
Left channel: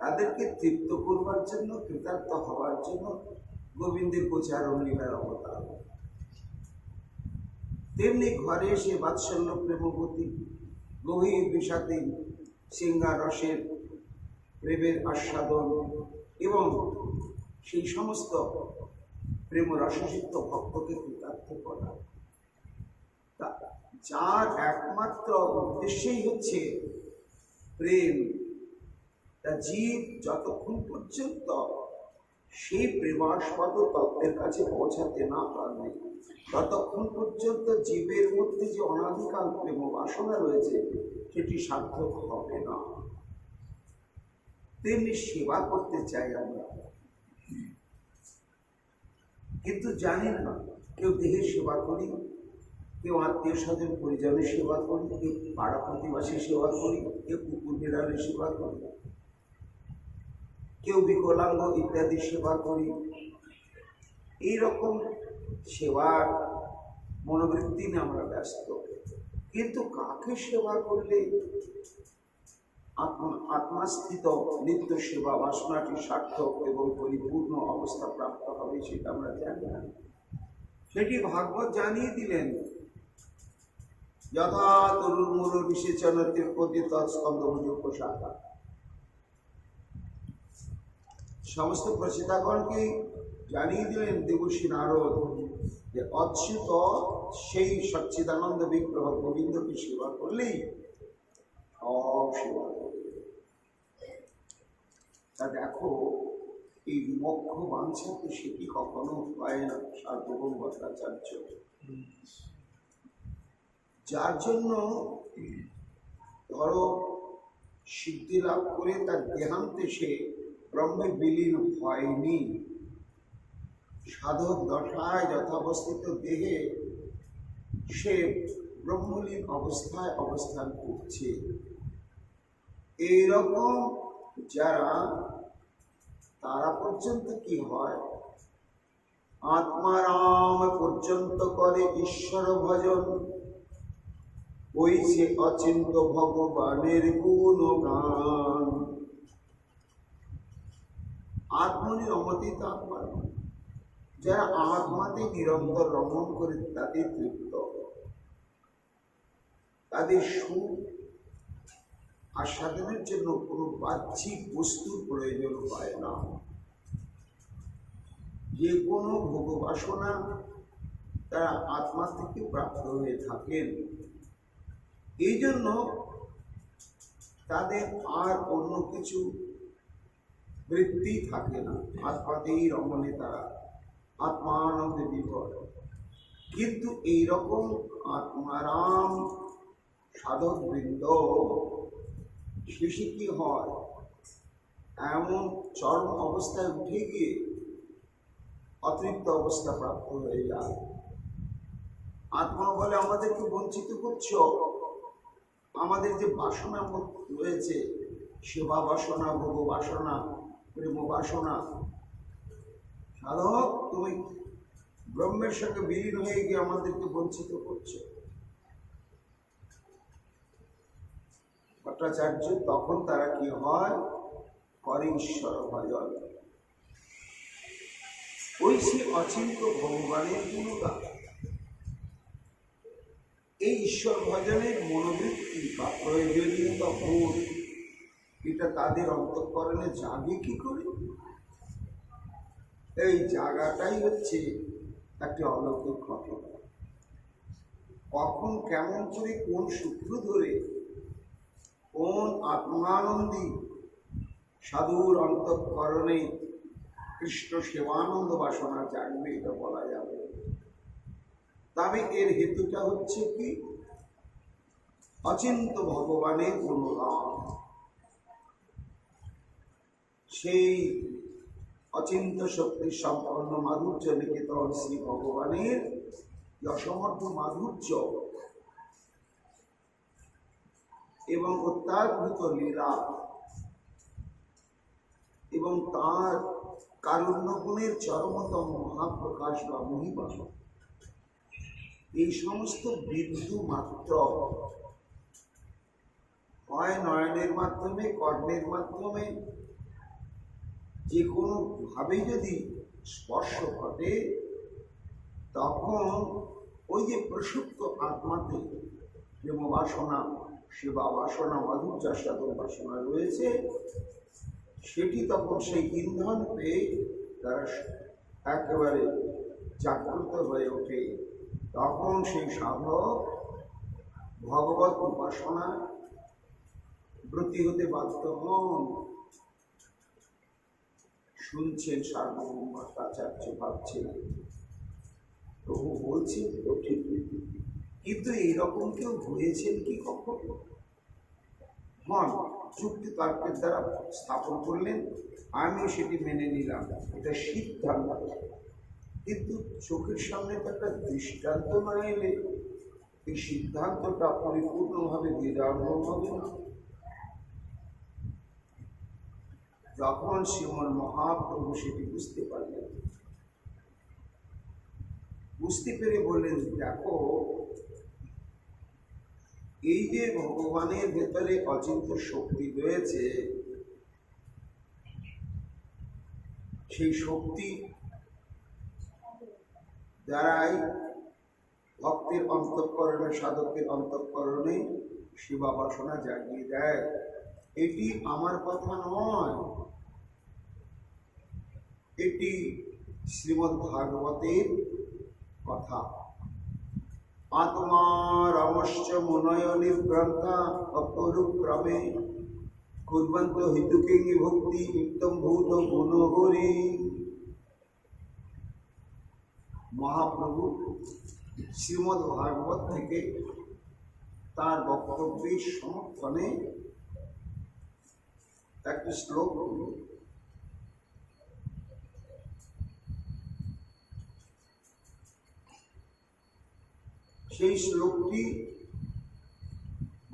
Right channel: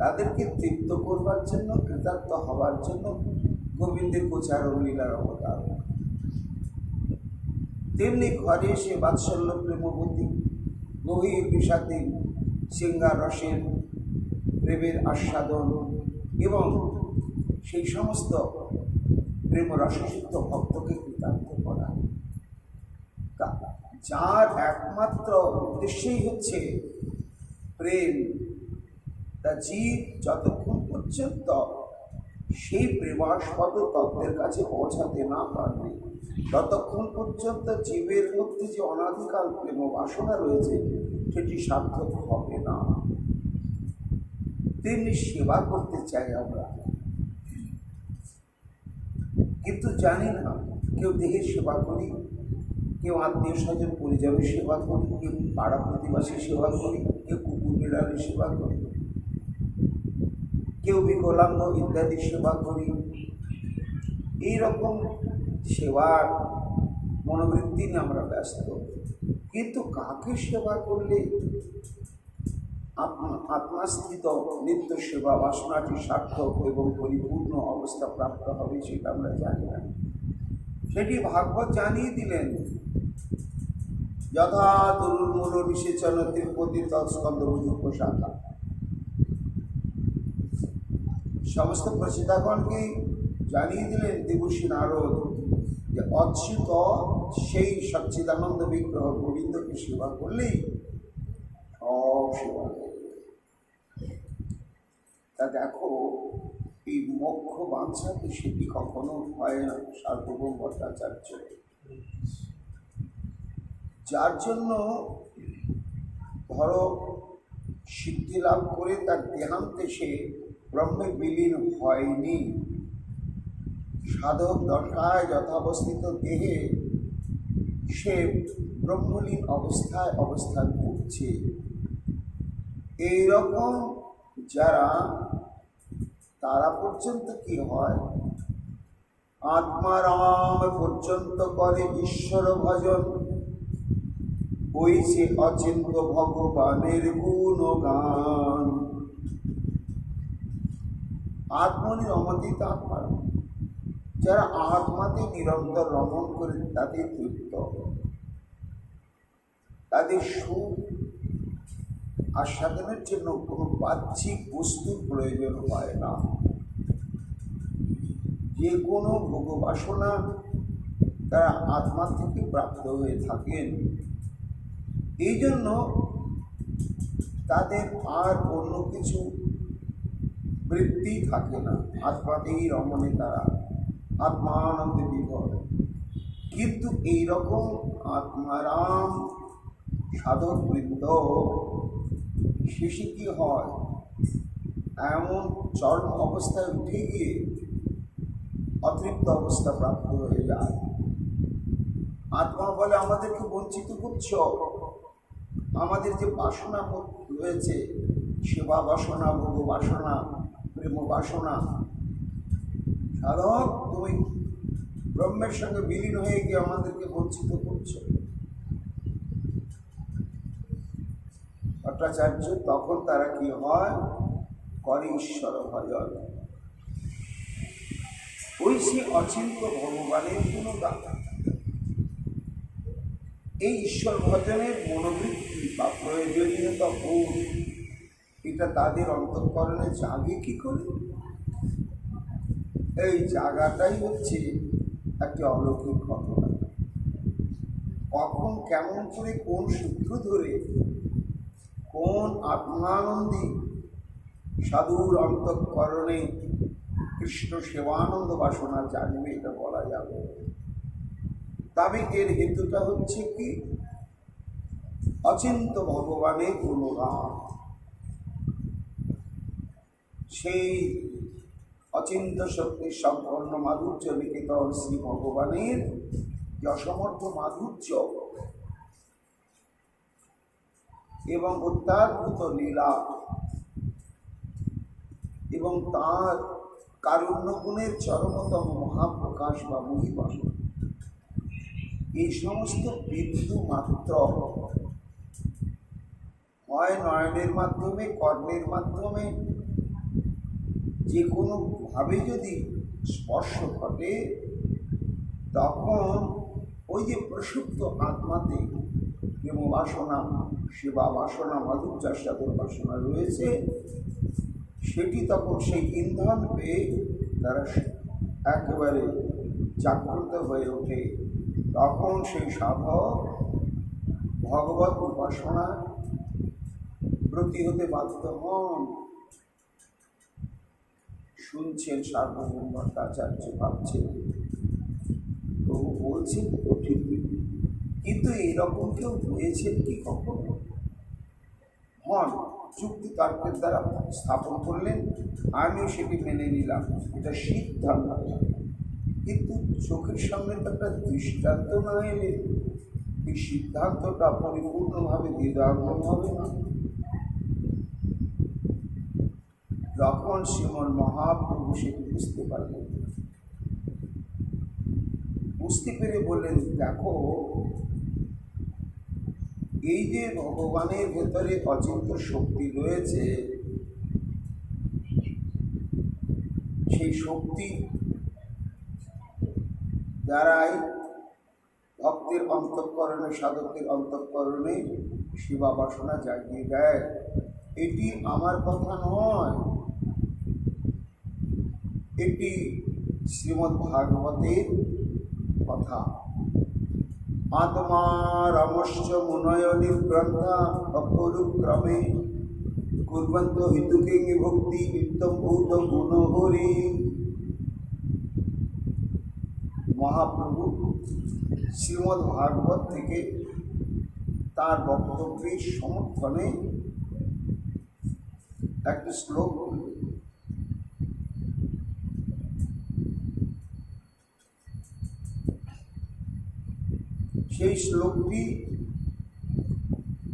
তাদেরকে তৃপ্ত করবার জন্য, কৃতার্থ হবার জন্য গোবিন্দের গোচারণ লীলার অবতার, তেমনি ঘরে সে বাৎসল্য প্রেমবতী গভীর বিষাদে সিঙ্গার রসের প্রেমের আস্বাদন এবং সেই সমস্ত প্রেম রসযুক্ত ভক্তকে কৃতার্থ করা, যার একমাত্র উদ্দেশ্যই হচ্ছে প্রেম। তা জীব যতক্ষণ পর্যন্ত সেই প্রেমাস্পদ তত্ত্বের কাছে পৌঁছাতে না পারবে, ততক্ষণ পর্যন্ত জীবের মধ্যে যে অনাদিকাল প্রেম বাসনা রয়েছে সেটি সার্থক হবে না। তেমনি সেবা করতে চাই আমরা, কিন্তু জানি না, কেউ দেহের সেবা করি, কেউ আত্মীয় স্বজন পরিজনের সেবা করি, কেউ পাড়া প্রতিবাসীর সেবা করি, কেউ কুকুর বিড়ালের সেবা করি, কেউ বিকলাঙ্গ ইত্যাদি সেবা করি। এইরকম সেবার মনোবৃত্তি নিয়ে আমরা ব্যস্ত, কিন্তু কাকে সেবা করলে আত্মাস্থিত নিত্য সেবা বাসনাটি সার্থক এবং পরিপূর্ণ অবস্থা প্রাপ্ত হবে সেটা আমরা জানি না। সেটি ভাগবত জানিয়ে দিলেন, যথা তরুর্মূল নিষেচন তিরপতি তৎস্কন্দভুজোপশাখা। সমস্ত প্রচিতাগণকে জানিয়ে দিলেন দেবর্ষি নারদ যে অচ্যুত সেই সচ্চিদানন্দ বিগ্রহ গোবিন্দকে সেবা করলেই সব সেবা। তা দেখো, এই মোক্ষ বাঞ্ছাতে সেটি কখনো হয় না সার্বভৌম ভট্টাচার্য, যার জন্য ধরো সিদ্ধি লাভ করে তার দেহান্তে সে ব্রহ্মে বিলীন হয়নি, সাধক দশায় যথাবস্থিত দেহে সে ব্রহ্মলীন অবস্থায় অবস্থান করছে। এইরকম যারা, তারা পর্যন্ত কি হয়, আত্মারাম পর্যন্ত করে ঈশ্বর ভজন, ওই সে অচিন্ত ভগবানের গুণগান। আত্মনি রমতিত আত্মার, যারা আত্মাতে নিরন্তর রমণ করে তাদের তৃপ্ত, তাদের সুখ আস্বাদনের জন্য কোনো বাহ্যিক বস্তুর প্রয়োজন হয় না। যে কোনো ভোগবাসনা তারা আত্মা থেকে প্রাপ্ত হয়ে থাকেন। এই জন্য তাদের আর অন্য কিছু বৃত্তি থাকে না, আত্মাতেই রমণে তারা আত্মানন্দে বিভোর। কিন্তু এইরকম আত্মারাম সাধক বৃন্দ শেষে কি হয়, এমন চরম অবস্থায় উঠে গিয়ে অতৃপ্ত অবস্থা প্রাপ্ত হয়ে যায়। আত্মা বলে আমাদেরকে বঞ্চিত করছ, আমাদের যে বাসনা রয়েছে, সেবা বাসনা, ভোগ বাসনা, প্রেম বাসনা, সাধক তুমি ব্রহ্মের সঙ্গে বিলীন হয়ে গিয়ে আমাদেরকে বঞ্চিত করছো। ভট্টাচার্য তখন তারা কি হয়, করে ঈশ্বর ভজন, ওই সে অচিন্ত ভগবানের গুণগান। এই ঈশ্বর ভজনের মনোবৃত্তি বা প্রয়োজনীয়তা বোধ, এটা তাদের অন্তঃকরণে জাগে কি করে? এই জায়গাটাই হচ্ছে একটি অলৌকিক ঘটনা। কখন কেমন করে কোন সূত্র ধরে কোন আত্মানন্দী সাধুর অন্তঃকরণে কৃষ্ণ সেবানন্দ বাসনা জাগবে এটা বলা যাবে। তবে এর হেতুটা হচ্ছে কি, অচিন্ত ভগবানের গুণগান। সেই অচিন্ত শক্তি সম্পন্ন মাধুর্য নিকেতন শ্রী ভগবানের যে অসমর্থ মাধুর্য এবং অত্যাদ্ভুত লীলা এবং তাঁর কারুণ্য গুণের চরমতম মহাপ্রকাশ বা মহিমা, এই সমস্ত বিন্দু মাত্র হয় নয়নের মাধ্যমে, কর্ণের মাধ্যমে, যে কোনোভাবে যদি স্পর্শ ঘটে, তখন ওই যে প্রসুপ্ত আত্মাতে প্রেম বাসনা, সেবা বাসনা, মাধুর্যাস্বাদন বাসনা রয়েছে, সেটি তখন সেই ইন্ধন পেয়ে তারা একেবারে জাগ্রত হয়ে ওঠে। তখন সেই সাধক ভগবত উপাসনা ব্রতী হতে বাধ্য হন। শুনছেন সার্বভৌম ভট্টাচার্য ভাবছেন, প্রভু বলছেন তো ঠিক, কিন্তু এইরকম কেউ হয়েছেন কি কখনো? হন, যুক্তি তর্কের দ্বারা স্থাপন করলেন, আমিও সেটি মেনে নিলাম, এটা সিদ্ধান্ত। কিন্তু চোখের সামনে তো একটা দৃষ্টান্ত না এলে এই সিদ্ধান্তটা পরিপূর্ণভাবে হৃদয়ঙ্গম হবে না। যখন শ্রীমন মহাপ্রভু সেটি বুঝতে পারলেন, বুঝতে পেরে বললেন, দেখো, এই যে ভগবানের ভেতরে অচিন্ত শক্তি রয়েছে, সেই শক্তি দ্বারাই ভক্তের অন্তঃকরণে, সাধকের অন্তঃকরণে সেবা বাসনা জাগিয়ে দেয়। এটি আমার কথা নয়, এটি শ্রীমদ্ ভাগবতের কথা। আত্মা রমশ্চ মুনয় নির্গ্রন্থা অপরুক্রমে কুর্বন্ত হিতুকে ভক্তি নিত্যম ভূত গুণহরি। মহাপ্রভু শ্রীমদ্ ভাগবত থেকে তার বক্তব্যের সমর্থনে একটি শ্লোক বললেন। সেই শ্লোকটি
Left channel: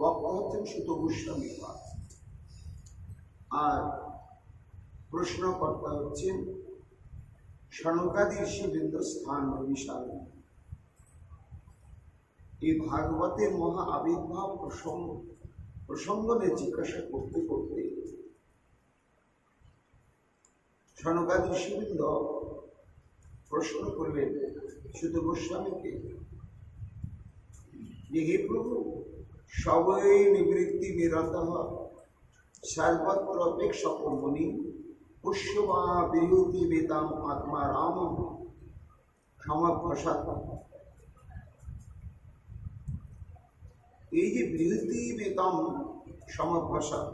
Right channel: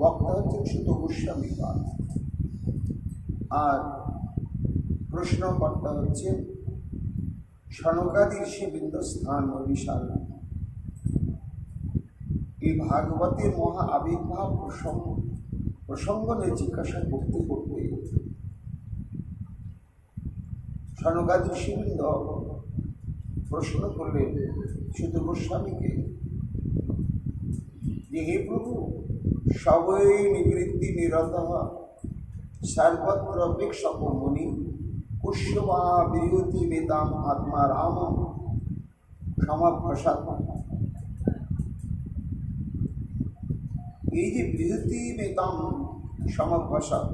বক্তা হচ্ছেন সুত গোস্বামী পাদ, আর প্রশ্নকর্তা হচ্ছেন সনকাদি ঋষিবৃন্দ স্থান বিশাল। এই ভাগবতের মহা আবির্ভাব প্রসঙ্গ নিয়ে জিজ্ঞাসা করতে করতে সনকাদি ঋষিবৃন্দ প্রশ্ন করলেন সুত গোস্বামীকে যে, হে প্রভু, সবই নিবৃত্তি নিরত সর্বত্র অপেক্ষক মুনি পুষ্যবা বিরতি বেদাম আত্মা রাম সমপ্রসাদ। এই যে বিরতি বেদাম সমপ্রসাদ,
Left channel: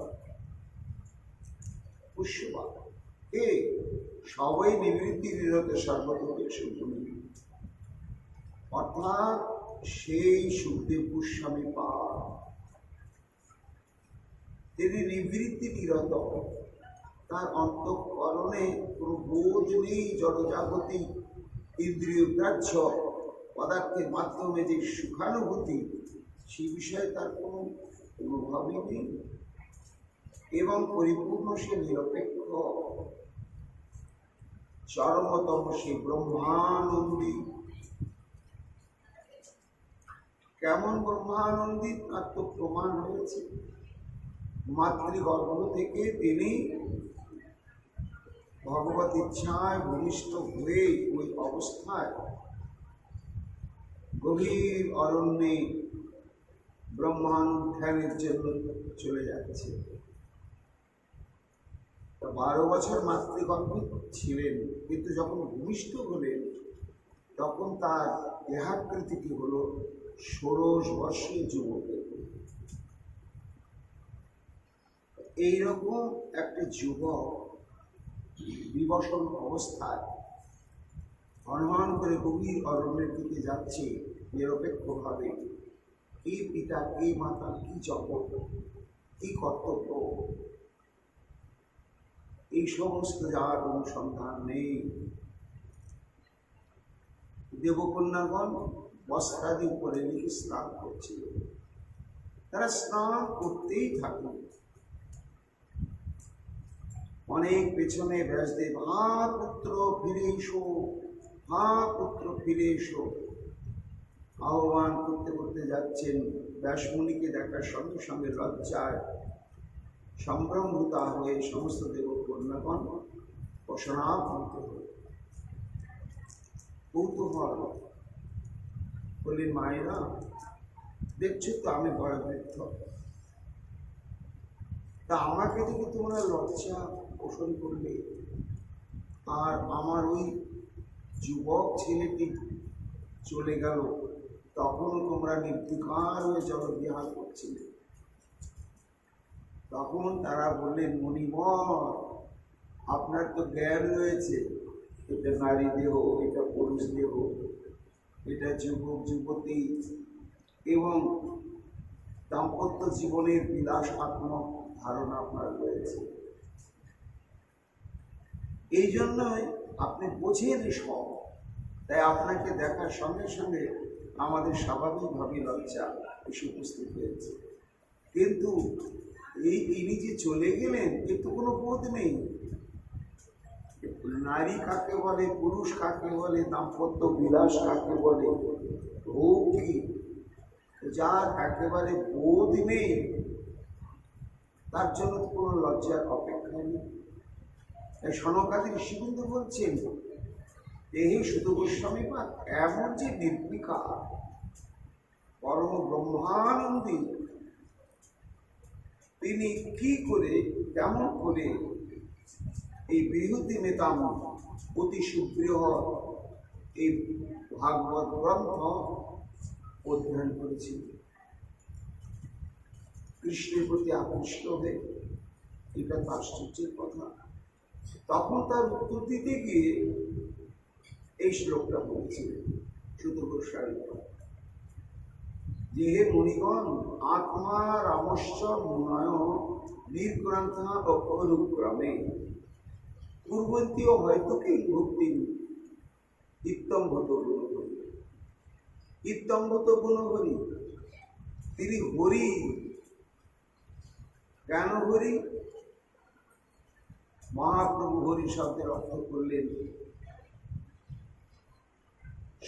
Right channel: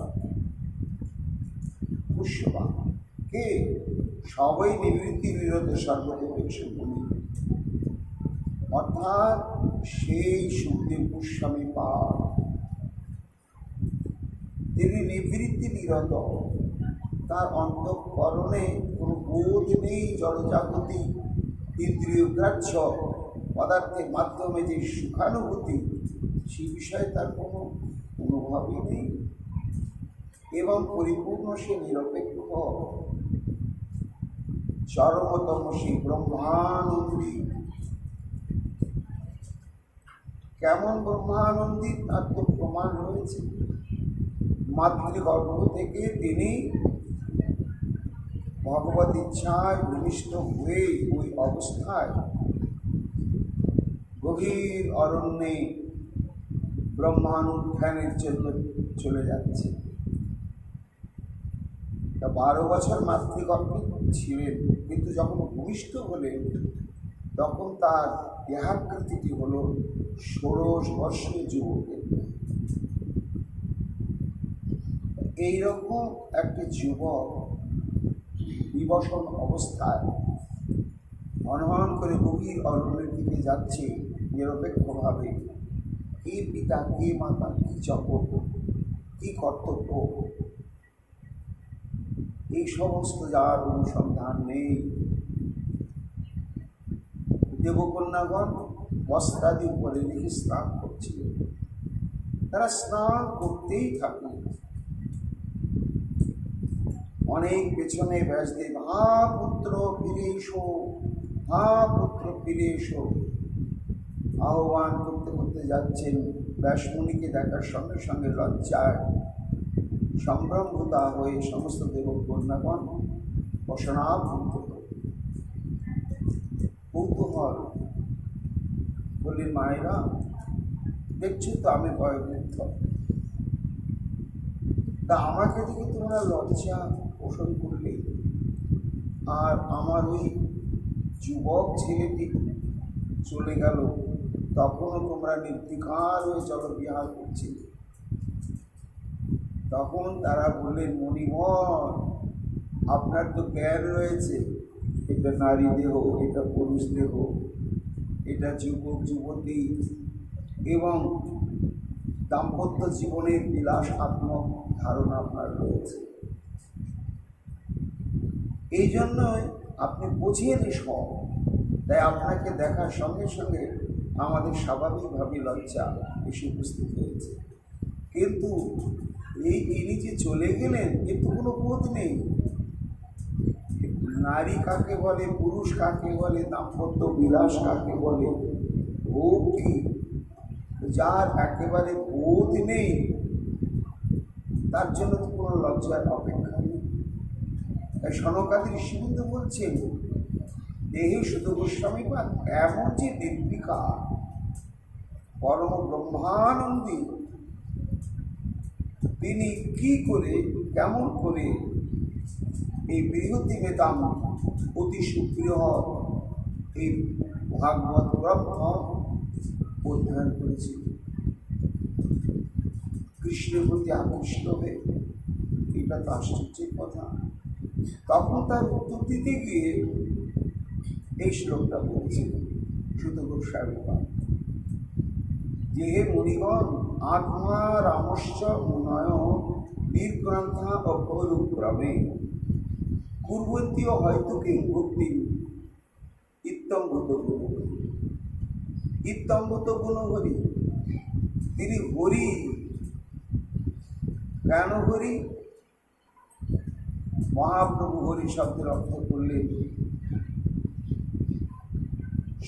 পুষ্যবা কে? সবই নিবৃত্তি নিরত সর্বত্র অপেক্ষক মুনি, অর্থাৎ সেই সুখদেব গোস্বামী পাদ। তিনি নিবৃত্তি নিরত, তার অন্তঃকরণে কোনো বোধ নেই, জড়জাগতিক ইন্দ্রিয় গ্রাহ্য পদার্থের মাধ্যমে যে সুখানুভূতি, সেই বিষয়ে তার কোনো অনুভবই নেই, এবং পরিপূর্ণ সে নিরপেক্ষ চরমতম সে ব্রহ্মানন্দী। কেমন ব্রহ্মানন্দী তার তো প্রমাণ রয়েছে। মাতৃগর্ভ থেকে তিনি ভগবত ইচ্ছায় ভূমিষ্ঠ হয়ে ওই অবস্থায় গভীর অরণ্যে ব্রহ্মানুধ্যানের জন্য চলে যাচ্ছে। তা 12 বছর মাতৃগর্ভে ছিলেন, কিন্তু যখন ভূমিষ্ঠ হলেন তখন তার দেহাকৃতিটি হল 16 বর্ষের যুবকের। এইরকম একটি যুবক বিবসন অবস্থায় হনহন করে গভীর অরণ্যের দিকে যাচ্ছে নিরপেক্ষভাবে। কি পিতা, কি মাতা, কি জপক, কি কর্তব্য, এই সমস্ত যার অনুসন্ধান নেই। দেবকন্যাগণ বস্ত্রাদি উপরে রেখে স্নান করছিল, তারা স্নান করতেই থাকল। অনেক পেছনে ব্যাসদেব, হা পুত্র ফিরে এসো, হা পুত্র ফিরে এসো আহ্বান করতে করতে যাচ্ছেন। ব্যাসমুনিকে দেখার সঙ্গে সঙ্গে লজ্জায় সম্ভ্রমভূতা হয়ে সমস্ত দেবকন্যাগণ বসনাভূত হল। কৌতূহল। বললেন, মায়েরা দেখছো তো আমি বয়োবৃদ্ধ, তা আমাকে দেখে তোমরা লজ্জা পোষণ করলে, আর আমার ওই যুবক ছেলেটি চলে গেল, তখনও তোমরা নির্বিকার হয়ে জলবিহার করছিলে। তখন তারা বললেন, মণিবর আপনার তো জ্ঞান রয়েছে, এটা নারী দেহ, এটা পুরুষ দেহ, এটা যুবক যুবতী এবং দাম্পত্য জীবনের বিলাসাত্মক ধারণা আপনার রয়েছে। এই জন্যই আপনি বোঝেন সব, তাই আপনাকে দেখার সঙ্গে সঙ্গে আমাদের স্বাভাবিকভাবে লজ্জা এসে উপস্থিত হয়েছে। কিন্তু ইনি যে চলে গেলেন, এর তো কোনো বোধ নেই। নারী কাকে বলে, পুরুষ কাকে বলে, দাম্পত্য বিলাস কাকে বলে, ভোগ কি, যার একেবারে বোধ নেই, তার জন্য তো কোনো লজ্জার অপেক্ষা নেই। তাই সনকাদি ঋষিবৃন্দ বলছেন, দেহে শুধু গোস্বামীপাদ এমন যে নির্বিকার পরম ব্রহ্মানন্দী, তিনি কি করে কেমন করে এই বৃহতি মেতাম অতি সুপ্রিয় এই ভাগবত গ্রন্থ অধ্যয়ন করেছিল, কৃষ্ণের প্রতি আকৃষ্ট হয়ে। এটা তো আশ্চর্যের কথা। তখন তার উত্তর দিতে গিয়ে এই শ্লোকটা বলেছিলেন শুধু গোস্বামীপাদ, যে হে মুনিগণ, আত্মা রামশ্চ মুনয় নির্গ্রন্থা অপনুক্রমে কুর্বন্তীয় হয়তো কে ভক্তি ইত্যম্ভূত গুণহরি। ইত্যম্ভূত গুণহরি, তিনি হরি। কেন হরি? মহাপ্রভু হরি শব্দের অর্থ করলেন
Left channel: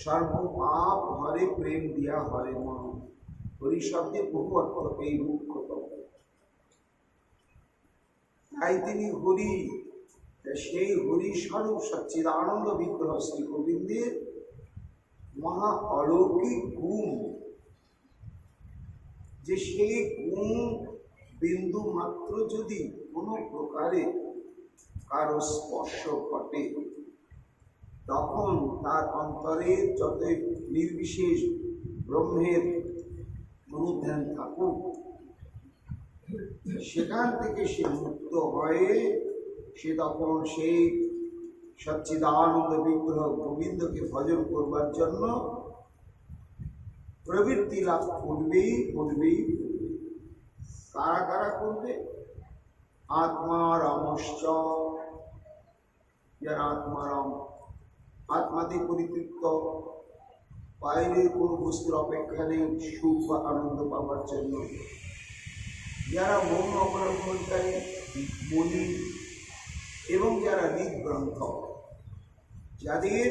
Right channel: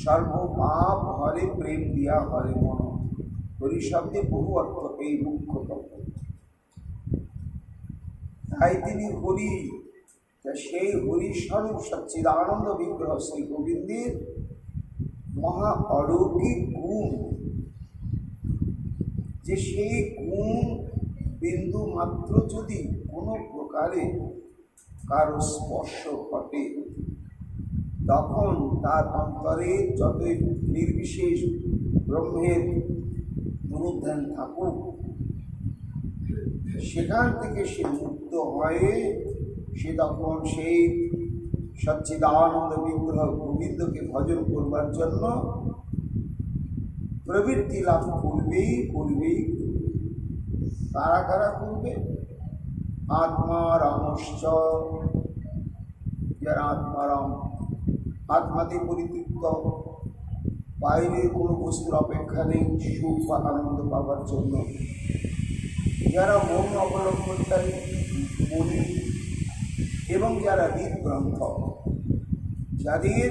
সর্বপাপ হরে প্রেম দিয়া হরে মন। হরি শব্দে বহু অর্থ, এই মুখ্য তত্ত্ব। তাই তিনি হরি। সেই হরি স্বরূপ সচ্চিদানন্দ বিগ্রহ শ্রী গোবিন্দের মহা অলৌকিক গুণ, যে সেই গুণ বিন্দু মাত্র যদি কোনো প্রকারে কারো স্পর্শ ঘটে, তখন তার অন্তরে যতই নির্বিশেষ ব্রহ্মের অনুধ্যান থাকুক, সেখান থেকে সে মুক্ত হয়ে সে তখন সেই সচ্চিদানন্দ বিগ্রহ গোবিন্দকে ভজন করবার জন্য প্রবৃত্তি লাভ করবেই। কারা কারা করবে? আত্মারামশ্চ, যারা আত্মারাম, আত্মাতে পরিতৃপ্ত, বাইরের কোনো বস্তুর অপেক্ষা নেই সুখ বা আনন্দ পাবার জন্য, যারা মন অবলম্বনকারী মনি, এবং যারা হৃদগ্রন্থ, যাদের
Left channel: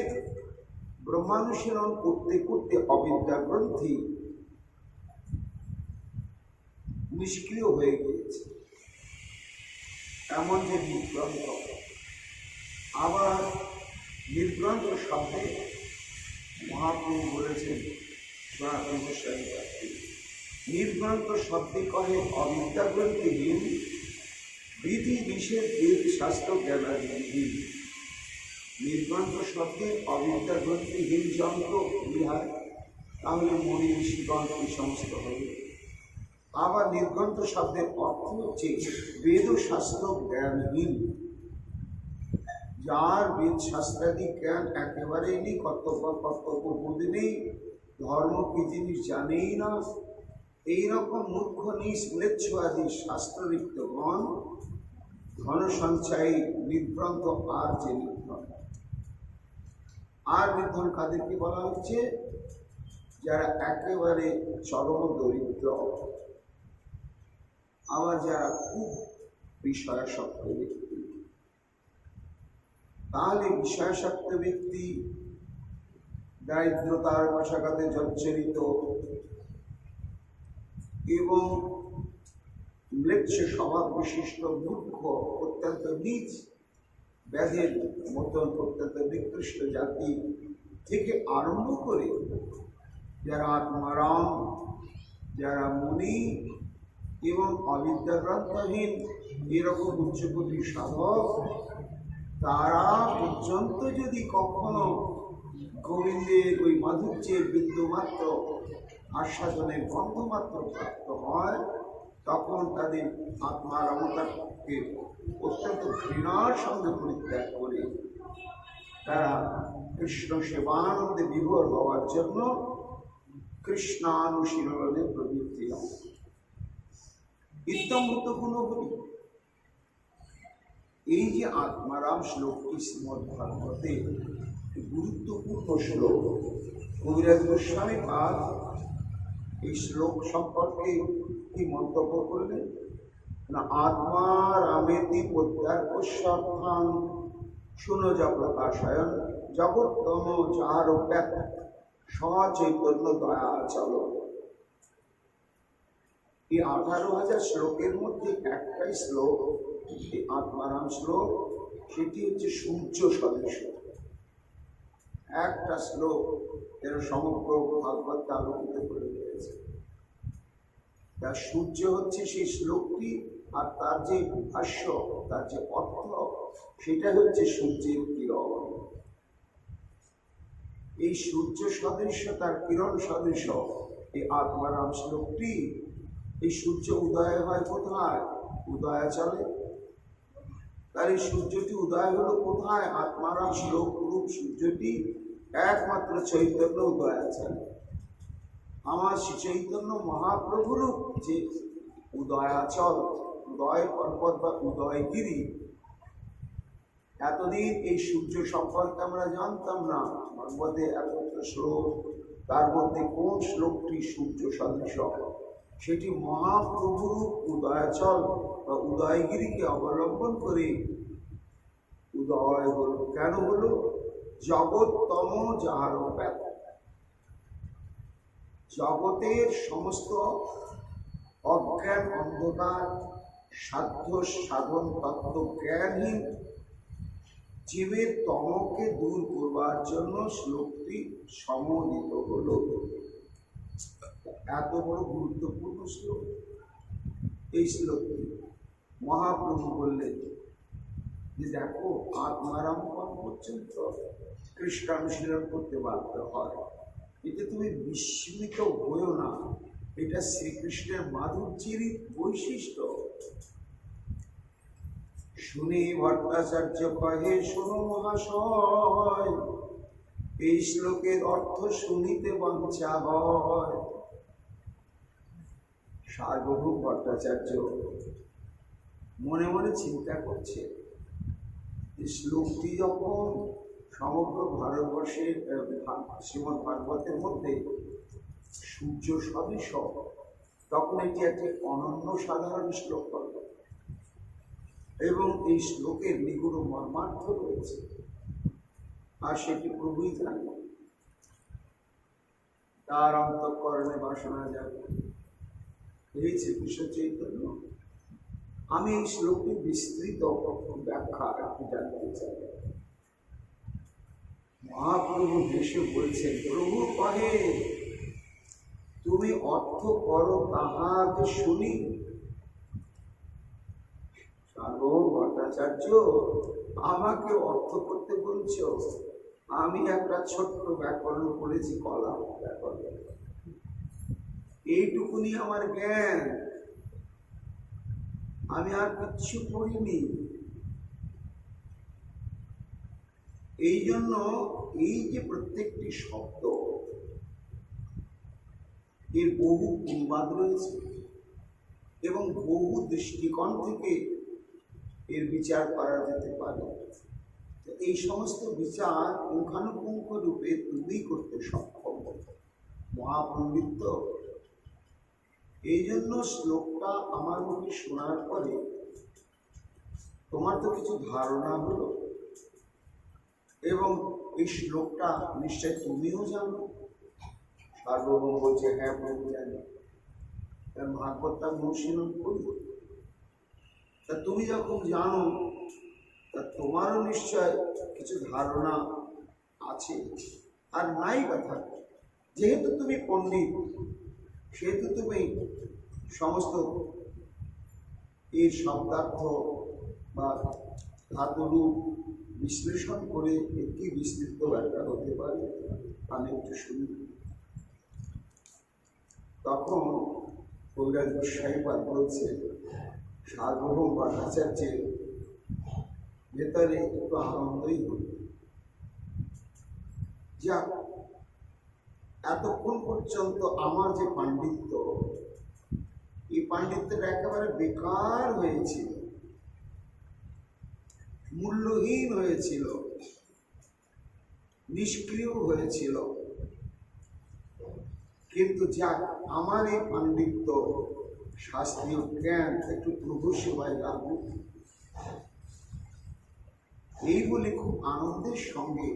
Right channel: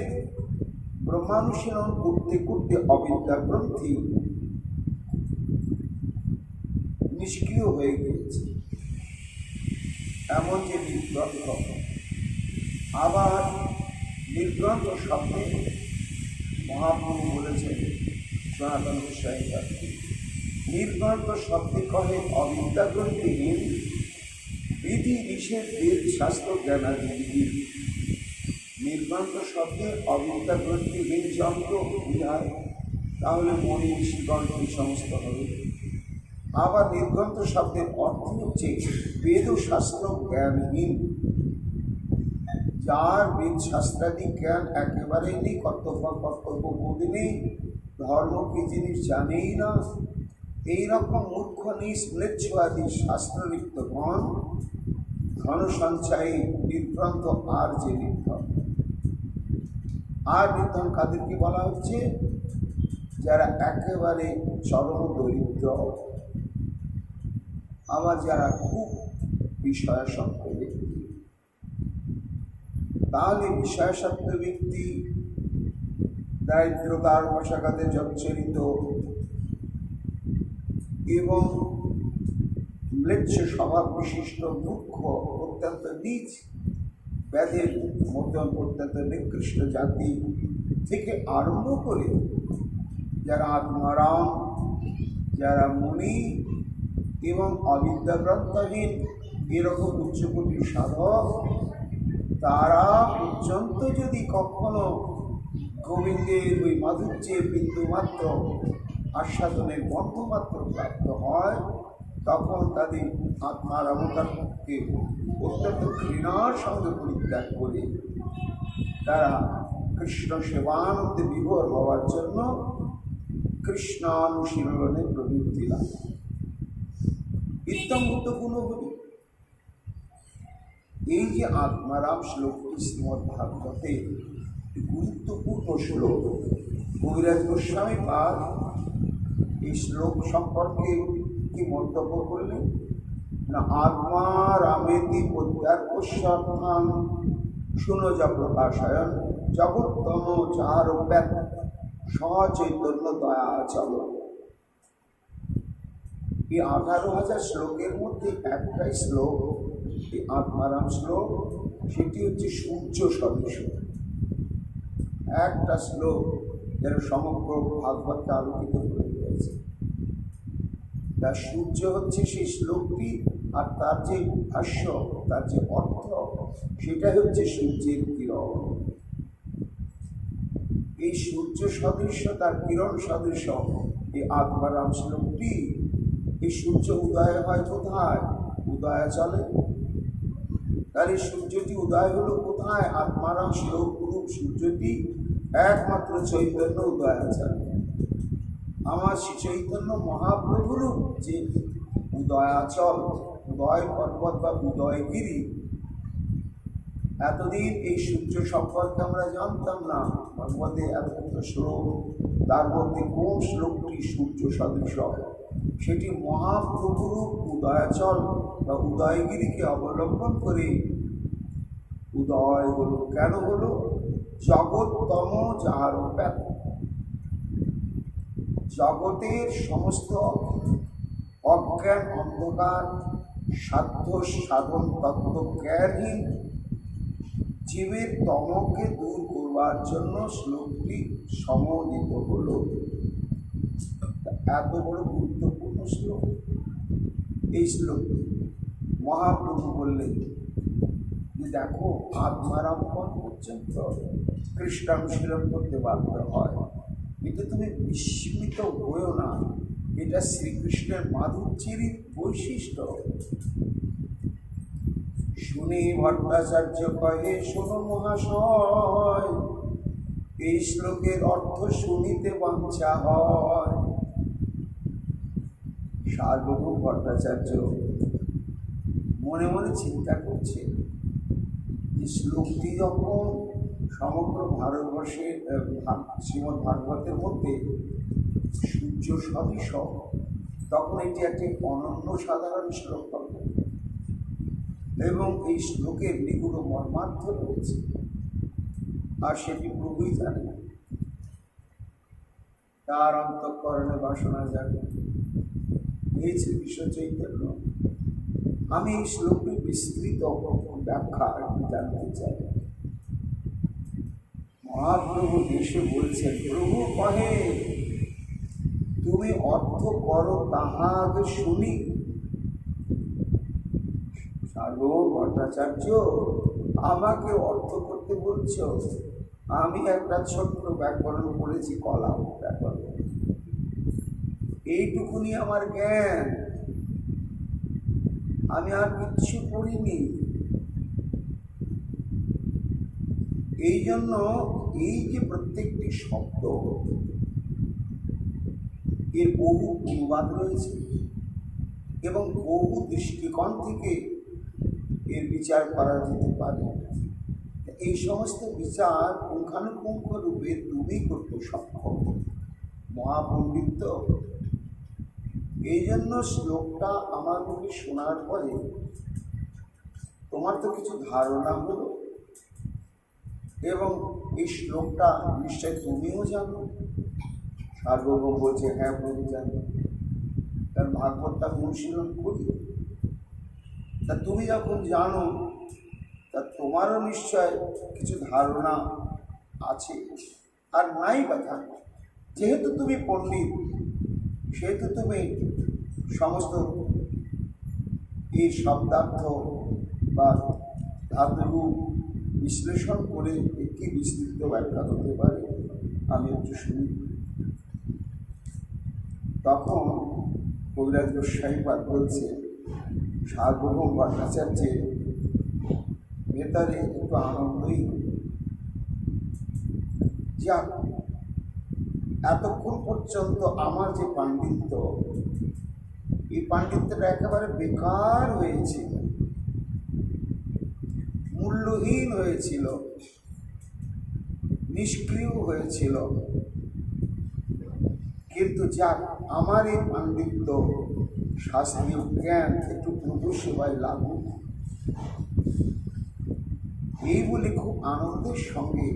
ব্রহ্মানুশীলন করতে করতে অবিদ্যা গ্রন্থি নিষ্ক্রিয় হয়ে গিয়েছে, এমন যে নির্গ্রন্থ। আবার নির্গ্রন্থ শব্দে মহাপ্রভু বলেছেন সনাতন গোস্বামী পাত্রী, নির্গ্রন্থ শব্দে কহে অবিদ্যা গ্রন্থিহীন বিধি নিষেধ বেদ শাস্ত্র জ্ঞানাদি। নির্গ্রন্থ শব্দে অবিদ্যা গ্রন্থিহীন যন্ত্র বিহার, তাহলে মনি ঋষিগণ এই সমস্ত হবে। আবার নির্গ্রন্থ শব্দের অর্থ হচ্ছে বেদ শাস্ত্র জ্ঞানহীন, যার বেদ শাস্ত্রাদি জ্ঞান একেবারেই নেই, কর্তব্যবোধ নেই, ধর্ম কি জিনিস জানেই না, এইরকম মূর্খ নিষ্ম্লেচ্ছ আদি শাস্ত্ররিক্তগণ ধন সঞ্চয়ী নির্গ্রন্থ। আর যে নির্ধন, আর নির্ধন কাদেরকে বলা হচ্ছে? যারা একেবারে চরম দরিদ্র, আবার যারা খুব বিষয়াসক্ত ব্যক্তি। তাহলে বিষয়াসক্ত ব্যক্তি দারিদ্রতার বশাঘাতে জর্জরিত এবং ম্লেচ্ছ স্বভাব বিশিষ্ট মূর্খ, অত্যন্ত নীচ ব্যাধের মতন অত্যন্ত নিকৃষ্ট জাতি, থেকে আরম্ভ করে যারা আত্মারাম, যারা মুনি এবং অবিদ্যাগ্রন্থহীন এরকম উচ্চকোটির সাধক, তারা পর্যন্ত যদি কখনো গোবিন্দের ওই মাধুর্যের বিন্দুমাত্র আস্বাদনের গন্ধমাত্র প্রাপ্ত হয়, তখন তাদের আত্মারামতাকে অত্যন্ত ঘৃণার সঙ্গে পরিত্যাগ করে তারা কৃষ্ণ সেবানন্দে বিভোর হওয়ার জন্য কৃষ্ণানুশীলনে প্রবৃত্তি লাভ। ইত্যমূর্ত গুণগুলি এই যে আত্মারাম শ্লোকটি শ্রীমদ্ ভাগবতে গুরুত্বপূর্ণ শ্লোক। কবিরাজ গোস্বামী পাদ এই শ্লোক সম্পর্কে কি মন্তব্য করলেন না, আত্মা রামেতি প্রত্যার্পস্যাত্মান শুনো জগৎপ্রকাশায়ন জগত্তম চারব্যাক সচৈতন্য দয়াচল। এই 18,000 শ্লোকের মধ্যে একটাই শ্লোক, এই আত্মারাম শ্লোক, সেটি হচ্ছে সূর্য সদৃশ একটা শ্লোক, যেন সমগ্র ভাগবতকে আলোকিত করে দিয়েছে। তার সূর্য হচ্ছে সেই শ্লোকটি, আর তার যে ভাষ্য, তার যে অর্থ, সেটা হচ্ছে সূর্যের কিরণ। এই সূর্য সদৃশ, তার কিরণ সদৃশ এই আত্মারাম শ্লোকটি। এই সূর্য উদয় হয় কোথায়? উদয়াচলে। তার এই সূর্যটি উদয় হলো কোথায়? আত্মারাম শ্লোক রূপ সূর্যটি একমাত্র চৈতন্য উদয়াচলে। আমার শ্রী চৈতন্য মহাপ্রভুর যে উদয়াচল, উদয় পর্বত বা উদয়গিরি, এতদিন এই সূর্য সম্পর্কে আমরা জানতাম না। ভগবতে এত শ্লোক, তার মধ্যে কোন শ্লোকটি সূর্য সদৃশ? সেটি মহাপ্রভুর উদয়াচল বা উদয়গিরিকে অবলম্বন করে উদয় হল। কেন হলো? জগৎতম যাহার ব্যাপ, জগতের সমস্ত অজ্ঞান অন্ধকার সাধ্য সাধন তত্ত্ব জ্ঞানহীন জীবের তমকে দূর করবার জন্য শ্লোকটি সমন্বিত হল। এত বড় গুরুত্বপূর্ণ শ্লোক এই শ্লোকটি। মহাপ্রভু বললেন যে দেখো, আত্মারাম পর্যন্ত কৃষ্ণানুশীলন করতে বাধ্য হয়। এটা তুমি বিস্মিত হয়েও না, এটা শ্রীকৃষ্ণের মাধুর্যেরই বৈশিষ্ট্য। শুনে ভট্টাচার্য কহে, শোনো মহাশয়, এই শ্লোকের অর্থ শুনিতে বাঞ্ছা হয়। সার্বভৌম ভট্টাচার্য মনে মনে চিন্তা করছে যে শ্লোকটি যখন সমগ্র ভারতবর্ষের শ্রীমদ্ ভাগবতের মধ্যে সূর্য সদৃশ, তখন এটি একটি অনন্য সাধারণ শ্লোক হবে এবং এই শ্লোকের নিগুড় মর্মার্থ রয়েছে, আর সেটি প্রভুই জানে। তার অন্তঃকরণে বাসনা জানে, এই শ্রীকৃষ্ণ চৈতন্য। আমি এই শ্লোকটি বিস্তৃত ব্যাখ্যা জানতে চাই। মহাপ্রভু দেশে বলছেন, প্রভু কহে, তুমি অর্থ করো তাহাকে শুনি। সার্বভৌম ভট্টাচার্য আমাকে অর্থ করতে বলছ? আমি একটা ছোট্ট ব্যাকরণ পড়েছি, কলা ব্যাকরণ, এইটুকুনি আমার জ্ঞান, আমি আর কিচ্ছু পড়িনি। এই জন্য এই যে প্রত্যেকটি শব্দ, এর বহু অনুবাদ রয়েছে এবং বহু দৃষ্টিকোণ থেকে এর বিচার করা যেতে পারে। এই সমস্ত বিচার পুঙ্খানুপুঙ্খ রূপে তুমি করতে সক্ষম, মহাপণ্ডিত। এই জন্য শ্লোকটা আমার মুখে শোনার পরে তোমার তো কিছু ধারণা হলো, এবং এই শ্লোকটা নিশ্চয় তুমিও জানো। সার্বভৌম বলছে, হ্যাঁ প্রভু জানি, কারণ ভাগবতটা অনুশীলন করি। তা তুমি যখন জানো, তা তোমারও নিশ্চয় কিছু ধারণা আছে। আর নাই কথা, যেহেতু তুমি পণ্ডিত সেহেতু তুমি সমস্ত এই শব্দার্থ বা ধাতুরূপ বিশ্লেষণ করে একটি বিস্তৃত ব্যাখ্যা করতে পারে, আমি একটু শুনি। তখন কবিরাজ গোস্বামীপাদ বলছে, সার্বভৌম ভট্টাচার্যের ভেতরে একটু আনন্দই হল, যা এতক্ষণ পর্যন্ত আমার যে পাণ্ডিত্য, এই পাণ্ডিত্যটা একেবারে বেকার হয়েছিল, মূল্যহীন হয়েছিল, নিষ্ক্রিয় হয়েছিল। কিন্তু যাক, আমার এই পাণ্ডিত্য শাস্ত্রীয় জ্ঞান একটু প্রভু সেবায় লাগুক, এই বলে খুব আনন্দের সঙ্গে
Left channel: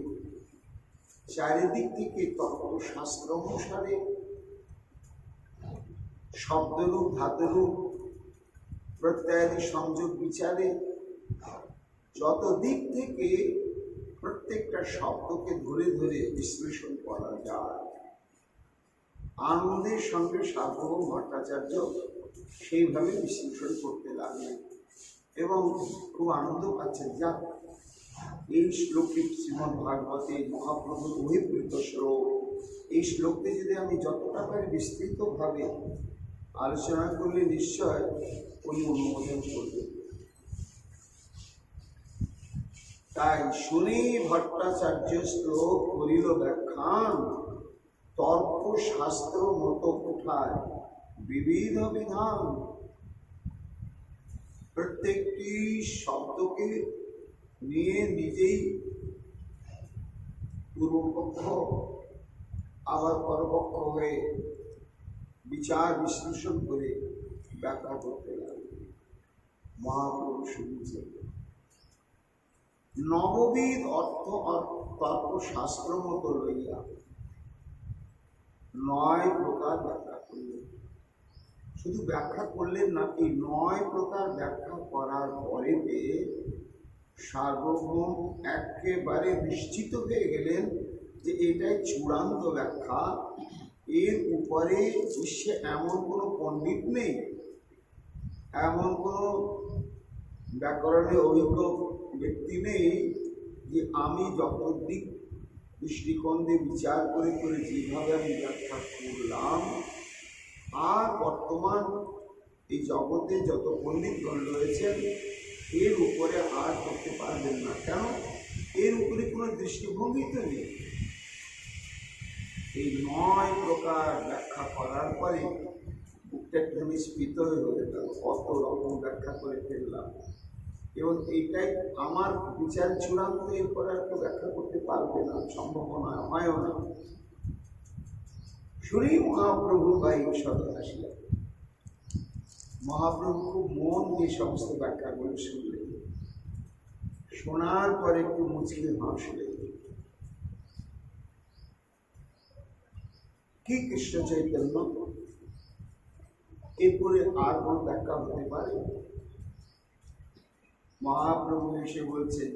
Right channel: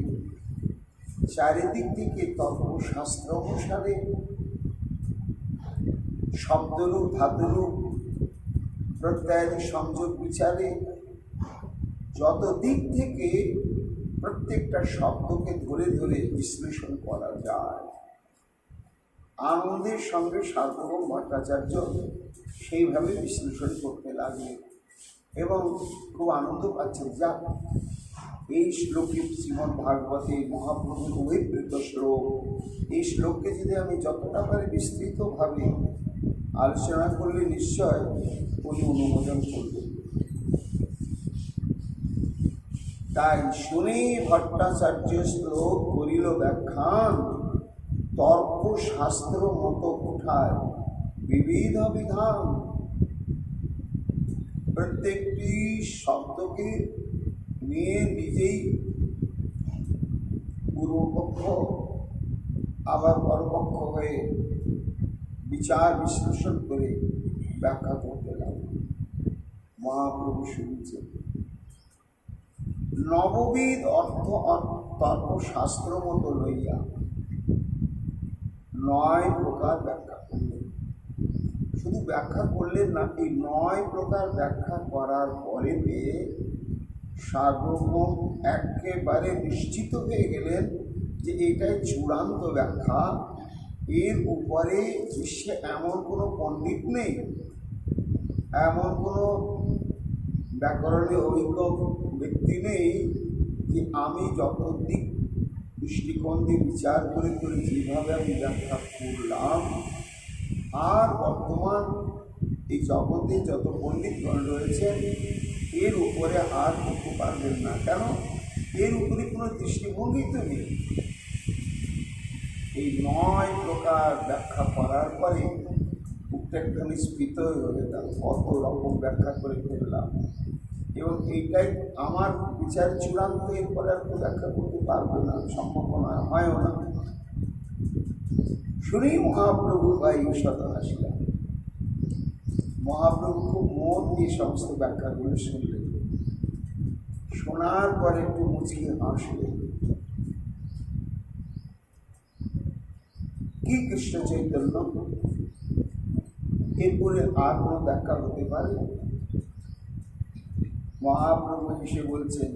চারিদিক থেকে তর্কশাস্ত্র অনুসারে শব্দরূপ ধাতুরূপ প্রত্যয়ের সংযোগ বিচারে যত দিক থেকে প্রত্যেকটা শব্দকে ধরে ধরে বিশ্লেষণ করা যায়, আনন্দের সঙ্গে সার্বভৌম ভট্টাচার্য সেইভাবে বিশ্লেষণ করতে লাগলেন এবং খুব আনন্দ পাচ্ছেন। যা এই শ্লোকে শ্রীমদ্ ভাগবতে মহাপ্রভুর অভিপ্রেত শ্লোক, এই শ্লোককে যদি আমি যতটা পারি বিস্তৃতভাবে আলোচনা করলে নিশ্চয় উনি অনুমোদন করবেন। তাই শুনে ভট্টাচার্য শ্লোক করিল ব্যাখ্যান, তর্ক শাস্ত্র মতো উঠায় বিবিধ বিধান। প্রত্যেকটি শব্দকে নিয়ে নিজেই পূর্বপক্ষ আবার পরপক্ষ হয়ে বিচার বিশ্লেষণ করে ব্যাখ্যা করতে লাগলেন। মহাপ্রভু শুনছেন। নববিধ অর্থ তর্ক শাস্ত্র মতো লইয়া 9 প্রকার ব্যাখ্যা করলেন। শুধু ব্যাখ্যা করলেন না, এই 9 প্রকার ব্যাখ্যা করার পরে সার্বভৌম একেবারে নিশ্চিত হয়ে গেলেন যে এটাই চূড়ান্ত ব্যাখ্যা। এর উপরে বিশ্বে এমন কোনো পণ্ডিত নেই, এমন কোনো ব্যাকরণে অভিজ্ঞ ব্যক্তি নেই যে আমি যত দিক দৃষ্টিকোণ দিয়ে বিচার করে করে যেভাবে আমি ব্যাখ্যা করলাম, আর বর্তমান এই জগতে যত পণ্ডিতগণ রয়েছেন এর উপরে আর করতে পারবেন না। কেন? এর উপরে কোনো দৃষ্টিভঙ্গি তো নেই। এই 9 প্রকার ব্যাখ্যা করার পরে প্রত্যেকখানি স্ফীত হয়ে গেল, কত রকম ব্যাখ্যা করে ফেললাম, এবং এইটাই আমার বিচার চূড়ান্ত। এরপরে আর তো ব্যাখ্যা করতে পারবে না, সম্ভাবনা হয়ও না। শুনি মহাপ্রভু ভাই সদা আসিলাম। মহাপ্রভু খুব মন দিয়ে সমস্ত ব্যাখ্যাগুলো শুনলেন, শোনার পরে একটু মুচকে হাসলেন। কি কৃষ্ণ চৈতন্য, এরপরে আর কোনো ব্যাখ্যা হতে পারে? মহাপ্রভু এসে বলছেন,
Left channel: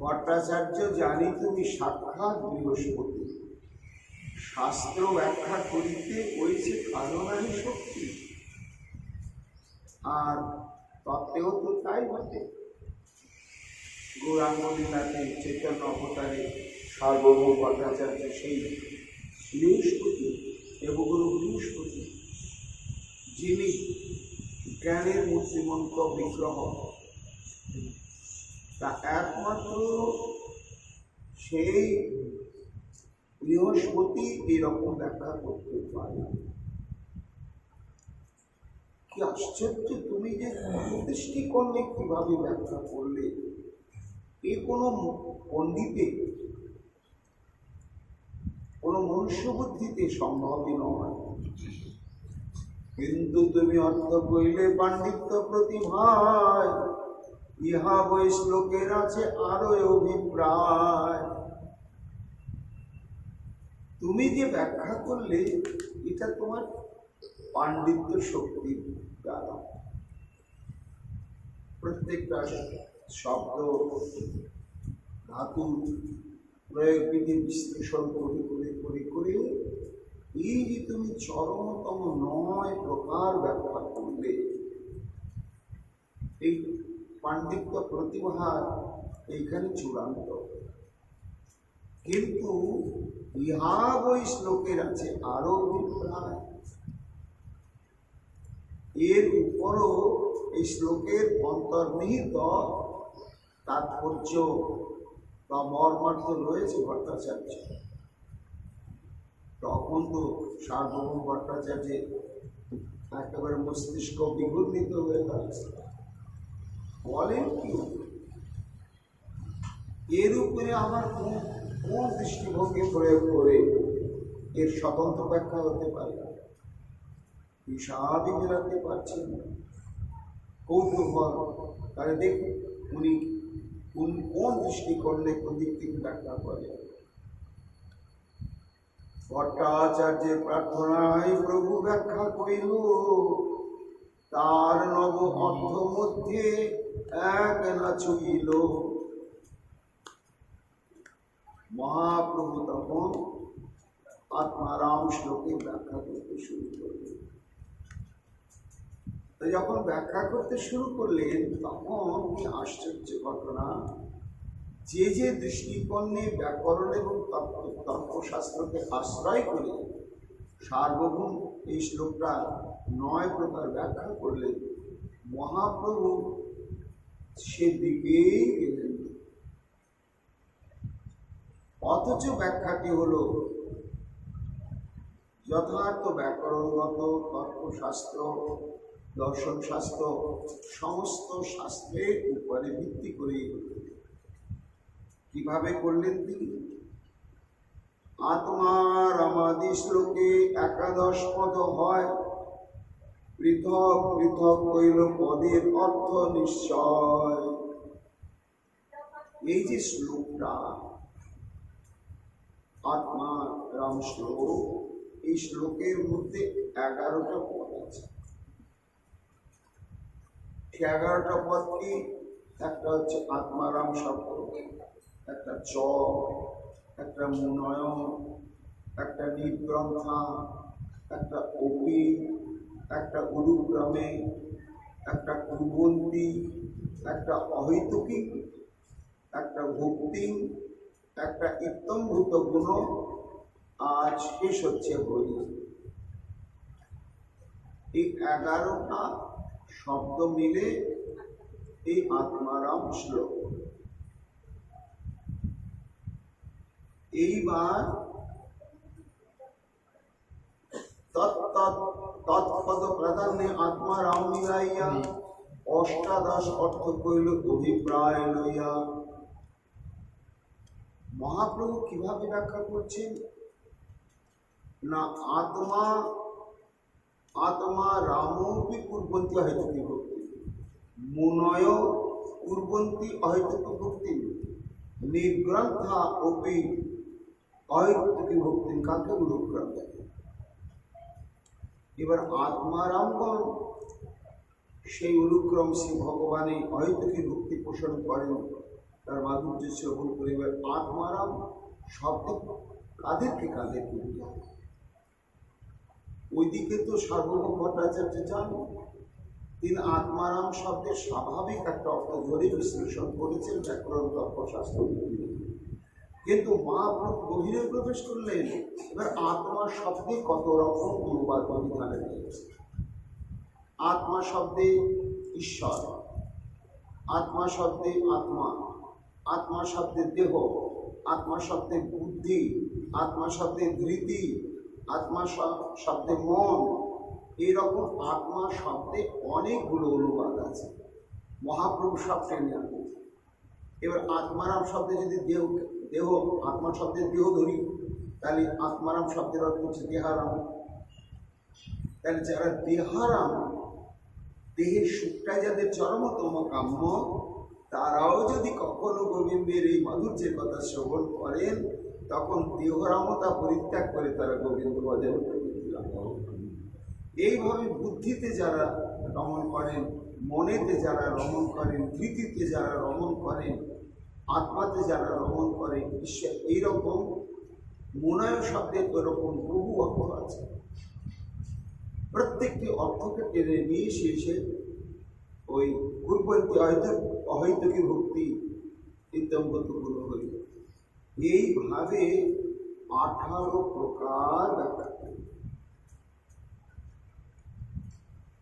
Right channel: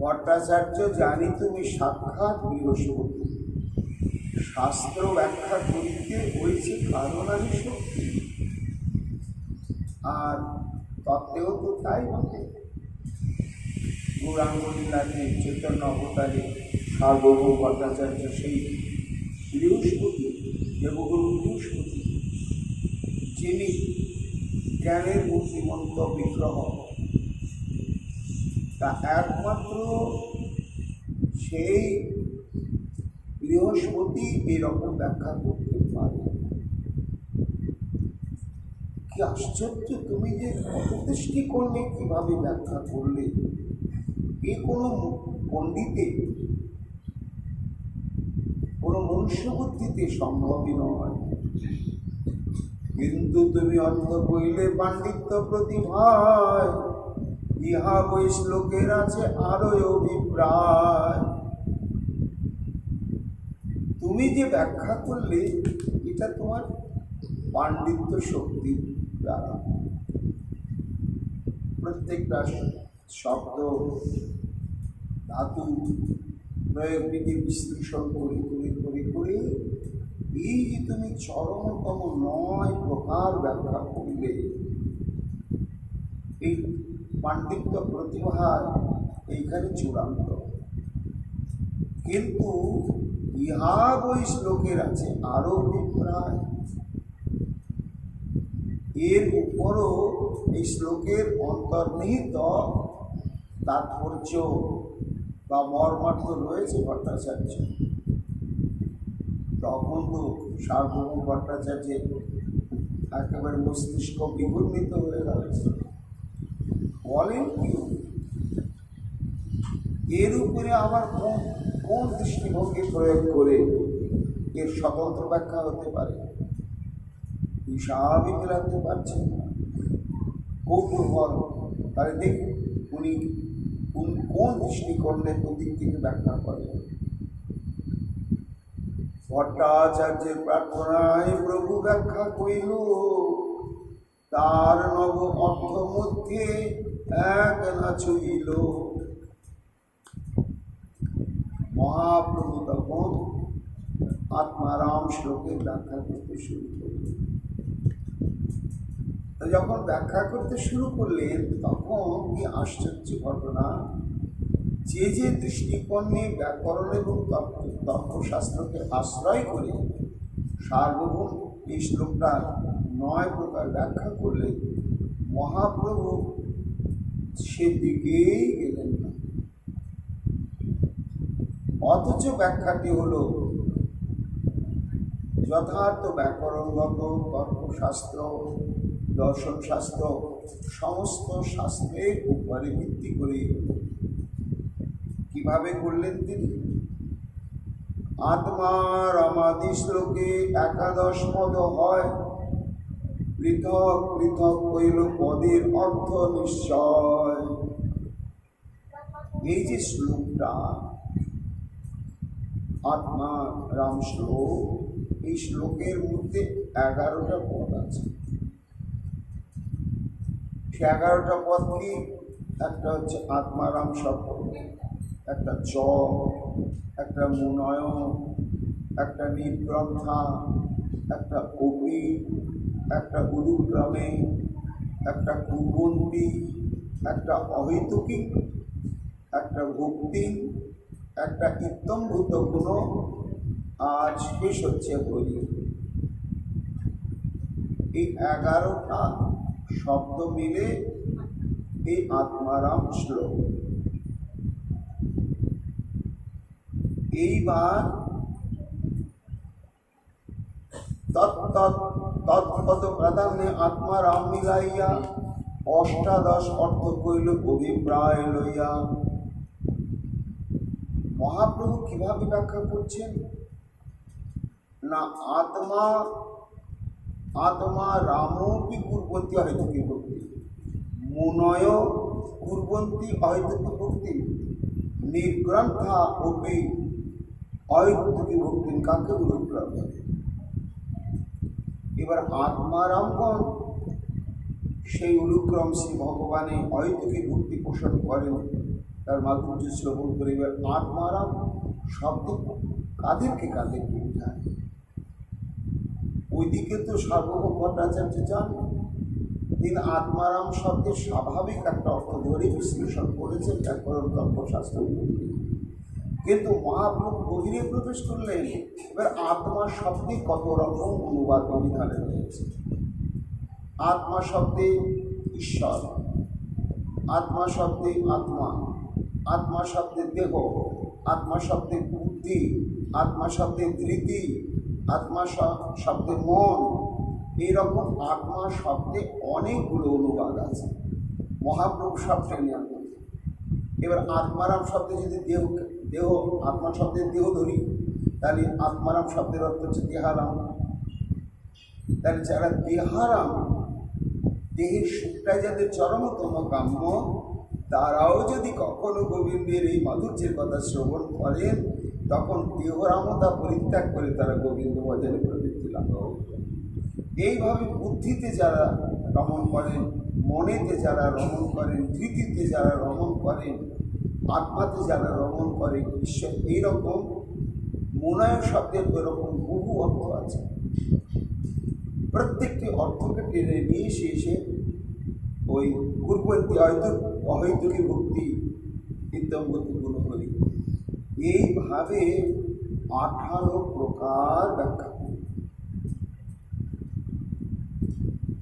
ভট্টাচার্য জানি তুমি সাক্ষাৎ বৃহস্পতি, শাস্ত্র ব্যাখ্যা করিতে হয়েছে কারণারই শক্তি, আর তত্ত্বেও তো তাই বটে। গৌরাঙ্গ লীলাতে চৈতন্য অবতারে সার্বভৌম ভট্টাচার্য সেই বৃহস্পতি, দেবগুরু বৃহস্পতি, যিনি জ্ঞানের মূর্তিমন্ত বিগ্রহ, তা একমাত্র সেই বৃহস্পতি এরকম ব্যাখ্যা করতে পারে। কি আশ্চর্য! তুমি যে দৃষ্টিকোণে কিভাবে ব্যাখ্যা করলে, এ কোনো পণ্ডিতে, কোনো মনুষ্য বুদ্ধিতে সম্ভবই নয়। কিন্তু তুমি অর্থ কইলে পাণ্ডিত্য প্রতিভায়, ইহা বই শ্লোকের আছে আরো অভিপ্রায়। তুমি যে ব্যাখ্যা করলে এটা তোমার পাণ্ডিত্য শক্তি দ্বারা। প্রত্যেকটা শব্দ ধাতু প্রয়োগ বিধি বিশ্লেষণ করে করে করে করে এই যে তুমি চরমতম 9 প্রকার ব্যাখ্যা করলে, এই পাণ্ডিত্য প্রতিভা এইখানে চূড়ান্ত। কিন্তু ইহা ওই শ্লোকের আছে আরো অভিপ্রায়, এর উপরও এই শ্লোকের অন্তর্নিহিত তাৎপর্য বা মর্মার্থ রয়েছে ভট্টাচার্য। তখন তো সার্বভৌম ভট্টাচার্যের একেবারে মস্তিষ্ক বিঘূর্ণিত হয়ে গেছে। বলেন কি এর উপরে আবার কোন দৃষ্টিভঙ্গি প্রয়োগ করে এর স্বতন্ত্র ব্যাখ্যা হতে পারে? হিসাবই মেলাতে পারছেন না। কৌতূহল, তাহলে দেখুন উনি কোন দৃষ্টিকোণে কোন দিক থেকে ব্যাখ্যা করে। ভট্টাচার্যের প্রার্থনায় প্রভু ব্যাখ্যা করিল, তার নব অর্থ মধ্যে এক না ছুইল। মহাপ্রভু তখন আত্মারাম শ্লোকের ব্যাখ্যা করতে শুরু করলেন। যখন ব্যাখ্যা করতে শুরু করলেন তখন কি আশ্চর্য ঘটনা, যে যে দৃষ্টিকোণে ব্যাকরণ এবং তর্কশাস্ত্রকে আশ্রয় করে সার্বভৌম এই শ্লোকটা 9 প্রকার ব্যাখ্যা করলেন, মহাপ্রভু সেদিকেই গেলেন না। অথচ ব্যাখ্যাটি হল যথার্থ ব্যাকরণগত তর্কশাস্ত্র, দর্শনশাস্ত্র সমস্ত শাস্ত্রের উপরে ভিত্তি করে। কিভাবে করলেন তিনি? আত্মার আমাদি শ্লোকে 11 পদ হয়, পৃথক পৃথক হইল পদের অর্থ নিশ্চয়। এই যে শ্লোকটা আত্মা রাম শ্লোক, এই শ্লোকের মধ্যে 11টা পদ আছে। 11টা পদ কি? একটা হচ্ছে আত্মারাম শব্দ, একটা চ, একটা মুনয়ন, একটা নিগ্রন্থা, একটা অপি, একটা গুরুগ্রামে, একটা কুবন্তী, একটা অহৈতুকী, একটা ভক্তি, একটা ইত্যম্ভূত গুণ, আর শেষ হচ্ছে হরি। এই 11টা শব্দ মিলে এই আত্মারাম শ্লোক। এইবার তৎপদ প্রাধান্যে আত্মারাম মিলাইয়া 18 অর্থ কইল অভিপ্রায় লইয়া। মহাপ্রভু কিভাবে ব্যাখ্যা করছেন না, আত্মা রামপি কুর্বন্তী অহেতুকী ভক্তি, মুনয় কুর্বন্তী অহেতুকী ভক্তি, নিগ্রন্থা অপি অহেতুকী ভক্তি। কাকে গুরুগ্রাম? এবার আত্মারামগণ সেই অনুক্রম শ্রী ভগবানের অহেতুকী ভক্তি পোষণ করেন, তার মাধুর্য শ্রবণ করে। এবার আত্মারাম শব্দ কাদেরকে বোঝায়? ওইদিকে তো সার্বভৌম ভট্টাচার্য যান, তিনি আত্মারাম শব্দের স্বাভাবিক একটা অর্থ ধরে বিশ্লেষণ করেছেন ব্যাকরণ তর্কশাস্ত্র। কিন্তু মহাপ্রভু গভীরে প্রবেশ করলেন। এবার আত্মা শব্দে কত রকম অনুবাদ বিধানে রয়েছে। আত্মা শব্দে ঈশ্বর, আত্মা শব্দে আত্মা, আত্মা শব্দে দেহ, আত্মা শব্দে বুদ্ধি, আত্মা শব্দে ধৃতি, আত্মা শব্দে মন। এইরকম আত্মা শব্দে অনেকগুলো অনুবাদ আছে। মহাপ্রভু সব টেনে আনবেন। এবার আত্মারাম শব্দে যদি দেহ আত্মা শব্দের দেহ ধরি, তাহলে আত্মারাম শব্দের অর্থ হচ্ছে দেহারাম। তাহলে যারা দেহারাম, দেহের সুখটাই যাদের চরমতম কাম্য, তারাও যদি কখনো গোবিন্দের এই মাধুর্যের কথা শ্রবণ করেন, তখন দেহরামতা পরিত্যাগ করে তারা গোবিন্দ ভজনে প্রবৃত্তি লাভ করেন। এইভাবে বুদ্ধিতে যারা রমণ করেন, মনেতে যারা রমণ করেন, ধৃতিতে যারা রমণ করেন, আত্মাতে যারা রমণ করে ঈশ্বর, এইরকম মনয় শব্দের এরকম বহু অর্থ আছে। প্রত্যেকটি অর্থকে টেনে নিয়ে এসে ওই পূর্ববর্তী অহৈতুকী ভক্তি ইত্যঙ্গত গুণহরি এইভাবে 18 প্রকার ব্যাখ্যা করি।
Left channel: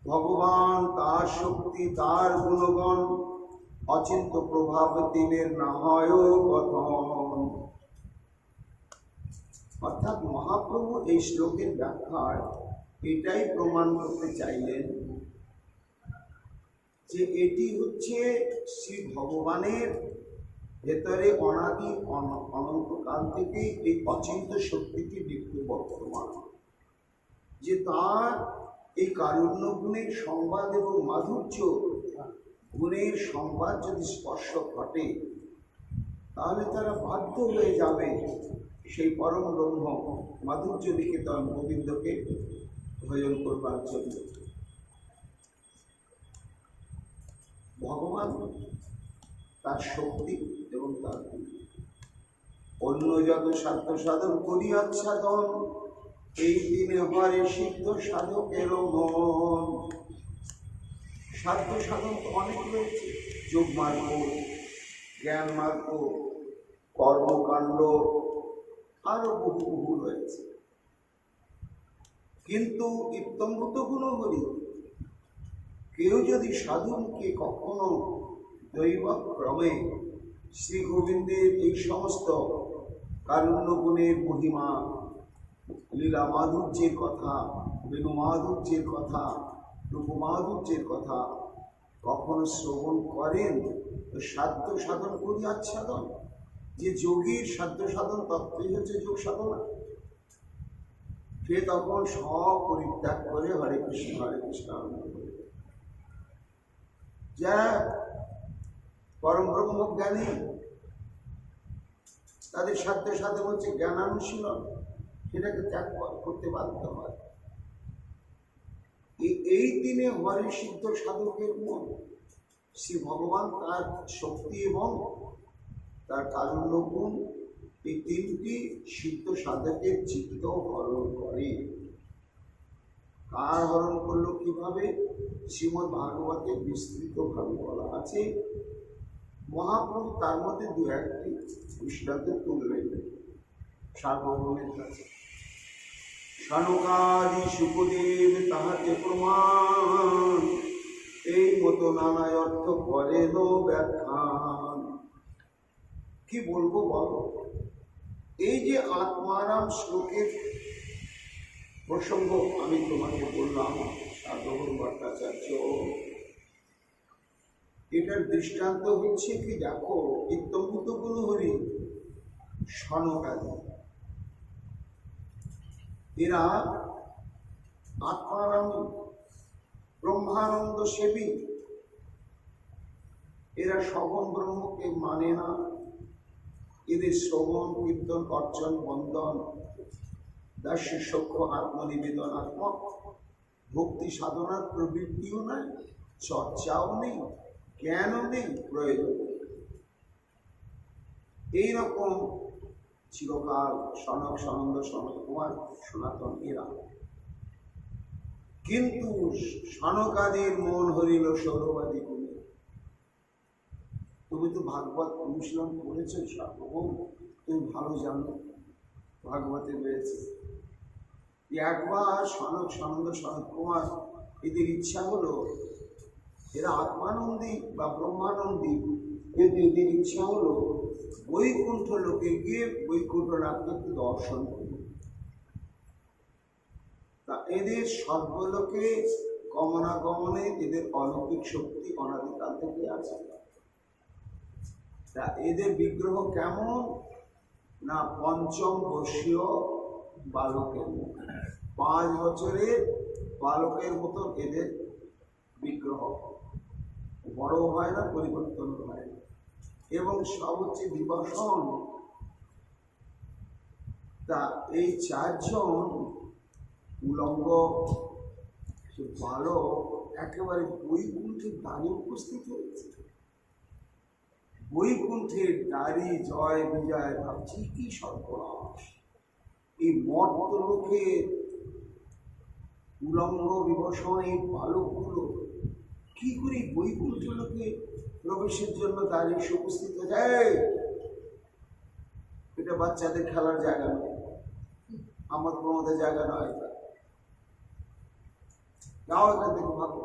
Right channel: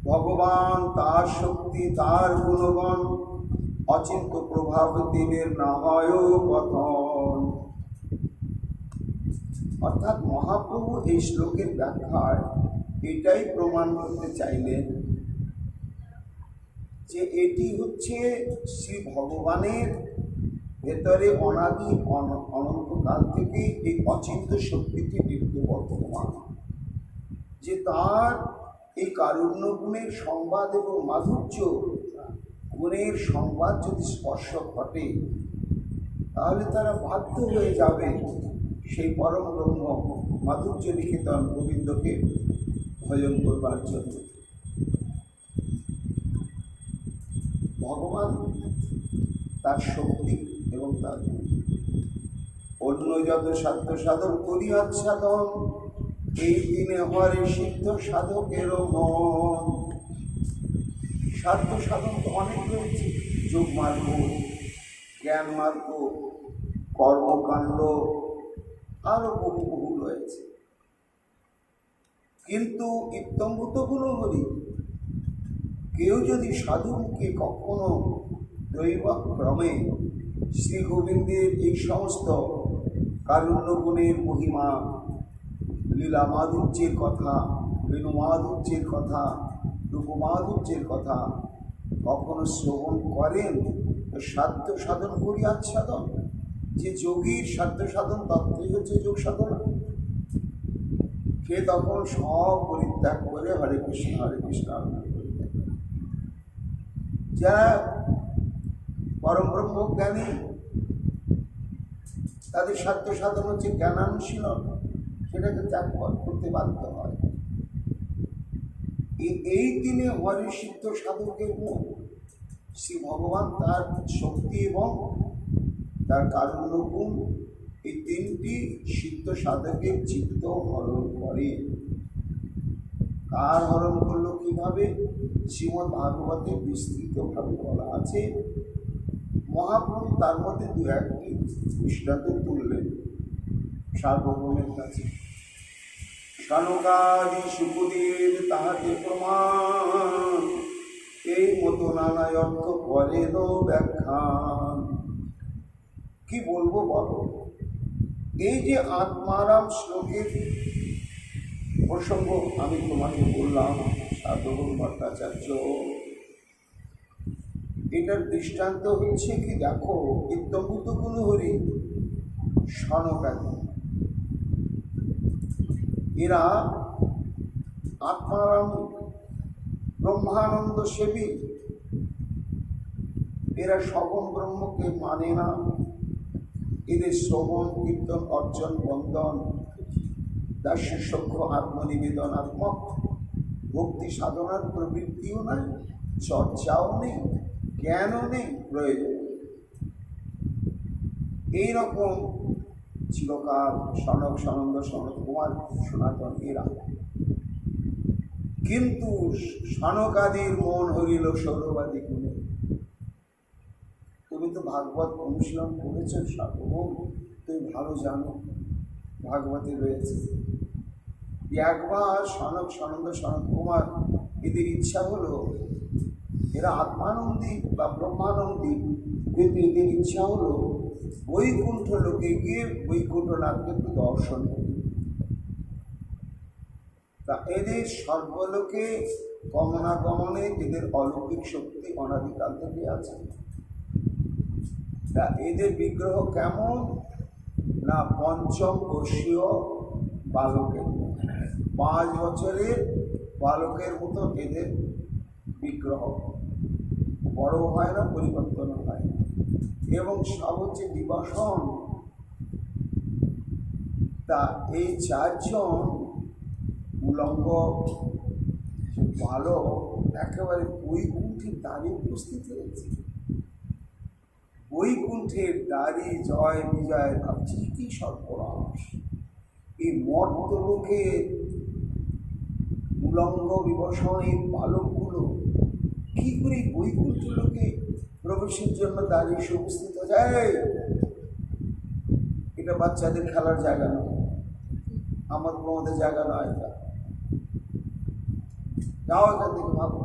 ভগবান, তার শক্তি, তার গুণগণ, অচিন্ত প্রভাব দিনের না হয় কথন। অর্থাৎ মহাপ্রভু এই শ্লোকের ব্যাখ্যায় এটাই প্রমাণ করতে চাইলেন যে এটি হচ্ছে শ্রী ভগবানের ভেতরে অনাদি অনন্তকাল থেকে এই অচিন্ত শক্তিটি বিদ্যমান, যে তার এই কারুণ্য গুণের সংবাদ এবং মাধুর্য গুণের সংবাদ যদি স্পর্শ ঘটে, তাহলে তারা বাধ্য হয়ে যাবে সেই পরম ব্রহ্ম মাধুর্য নিকেতন গোবিন্দকে ভজন করবার জন্য। ভগবান তার শক্তি এবং তার অন্য যত সাধ্য সাধন করিয়াচ্ছাদন, এই দিনে হরে সিদ্ধ সাধকের মন। সাধ্য সাধন তো অনেক রয়েছে, যোগ মার্গ, জ্ঞান মার্গ, কর্মকাণ্ড, আরো বহু বহু রয়েছে। কিন্তু ইত্যঙ্গত গুণহরি কেউ যদি সাধুকে কখনো দৈবক্রমে শ্রী গোবিন্দের এই সমস্ত কারুণ্য গুণের মহিমা, লীলা মাধুর্যের কথা, বেণু মাধুর্যের কথা, রূপমাধুর্যের কথা কখনো শ্রবণ করেন, তো সাধ্য সাধন করি আচ্ছাদন, যে যোগীর সাধ্য সাধন তত্ত্বই হচ্ছে যোগ সাধনা, সে তখন সব পরিত্যাগ করে হরে কৃষ্ণ করে দেয়। যারা পরম ব্রহ্ম জ্ঞানী, তাদের সাধ্য সাধন হচ্ছে জ্ঞানানুশীলন, সেটাকে ত্যাগ করতে বাধ্য হয়। এই দিনে হরে সিদ্ধ সাধকের মন, শ্রী ভগবান তার শক্তি এবং তার কারুণ্য গুণ, এই তিনটি সিদ্ধ সাধকের চিত্ত হরণ করে। কার হরণ করলো কিভাবে? শ্রীমদ্ ভাগবতে বিস্তৃতভাবে বলা আছে। মহাপ্রভু তার মধ্যে দু একটি দৃষ্টান্ত তুললেন সার্বভৌমের কাছে। সনকাদি শুকুদেব তাহাতে প্রমাণ, এই মতো নানা অর্থ করেন ব্যাখ্যান। কি বলবো বলো, এই যে আত্মারাম শ্লোকের প্রসঙ্গ আমি তোমাকে বললাম, সার্বভৌম ভট্টাচার্য, এটার দৃষ্টান্ত হচ্ছে কি, দেখো ইত্যঙ্গত গুণহরি, সনকাদি, এরা আত্মারাম ব্রহ্মানন্দ সেবী, এরা সগুণ ব্রহ্মকে মানে না। এদের শ্রবণ কীর্তন অর্জন বন্দন দাস্য সখ্য আত্মনিবেদনাত্মক ভক্তি সাধনার প্রবৃত্তিও নাই, চর্চাও নেই, জ্ঞানও নেই প্রয়োজন। এইরকম চিরকাল সনক সনন্দ সনত কুমার সনাতন এরা। কিন্তু সনকাদির মন হরিল সৌরবাদী গুণে। তুমি তো ভাগবত অনুশীলন করেছ সার্বভৌম, তুমি ভালো জানো ভাগবতে রয়েছে। একবার সনক সনন্দ সনত কুমার এদের ইচ্ছা হলো, এরা আত্মানন্দী বা ব্রহ্মানন্দী, কিন্তু এদের ইচ্ছা হলো বৈকুণ্ঠ লোকে গিয়ে বৈকুণ্ঠনাথকে একটু দর্শন করি। তা এদের সর্বলোকে গমনাগমনে এদের অলৌকিক শক্তি অনাদিকাল থেকে আছে। তা এদের বিগ্রহ কেমন না, পঞ্চম বর্ষীয় বালকের, 5 বছরের বালকের মতো এদের বিগ্রহ, বড় হয় না, পরিবর্তন হয় না, এবং সব হচ্ছে দিবাসন। তা এই 4 জন উলঙ্গ বালক একেবারে বৈকুণ্ঠে দাঁড়িয়ে উপস্থিত হয়েছে। বৈকুণ্ঠের দ্বারে জয় বিজয় ভাবছি কি সর্বনাশ, এই মর্তলোকে উলঙ্গ বিবসন এই বালকগুলো কি করে বৈকুণ্ঠ লোকে প্রবেশের জন্য দাঁড়িয়ে এসে উপস্থিত হয়ে যায়। এটা বাচ্চাদের খেলার জায়গা নয়, আমার প্রমোদের জায়গা নয়। এটা যাও এখান থেকে ভাবো।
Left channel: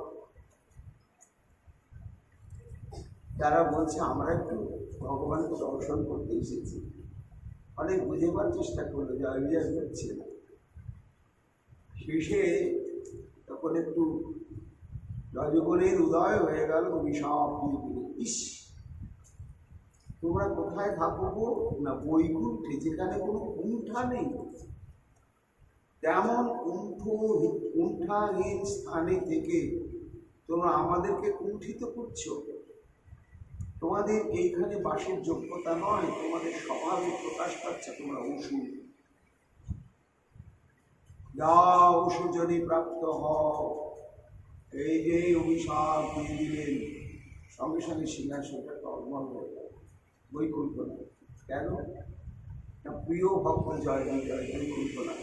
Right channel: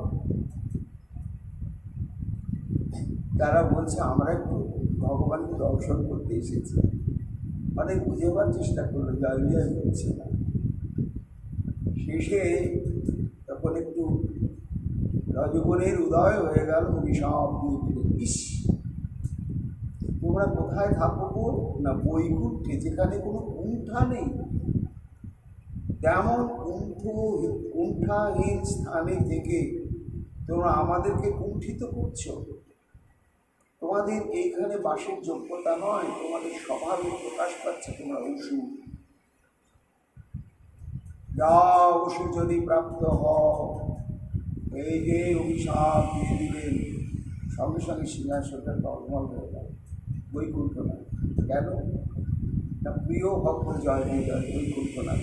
তারা বলছে আমরা একটু ভগবানকে দর্শন করতে এসেছি, অনেক বুঝেবার চেষ্টা করলো, জয় বিজয় করছে না। শেষে তখন একটু রজগুণের উদয় হয়ে গেল, অভিশাপ দিয়ে দিল, ইস তোমরা কোথায় থাকবো না বৈকুণ্ঠে, যেখানে কোনো কুণ্ঠা নেই, তেমন কুণ্ঠাহীন স্থানে থেকে তোমরা আমাদেরকে কুণ্ঠিত করছো। তোমাদের এইখানে বাসের যোগ্যতা নয়, তোমাদের স্বভাবে প্রকাশ পাচ্ছে তোমরা অসুর। যা অসুর যদি প্রাপ্ত হও, এই যে অভিশাপ দিয়ে দিলেন, সঙ্গে সঙ্গে সিংহাসনটা টলমল হয়ে গেল। বৈকুণ্ঠ না কেন না প্রিয় ভক্ত জয় বিজয় বৈকুণ্ঠ না,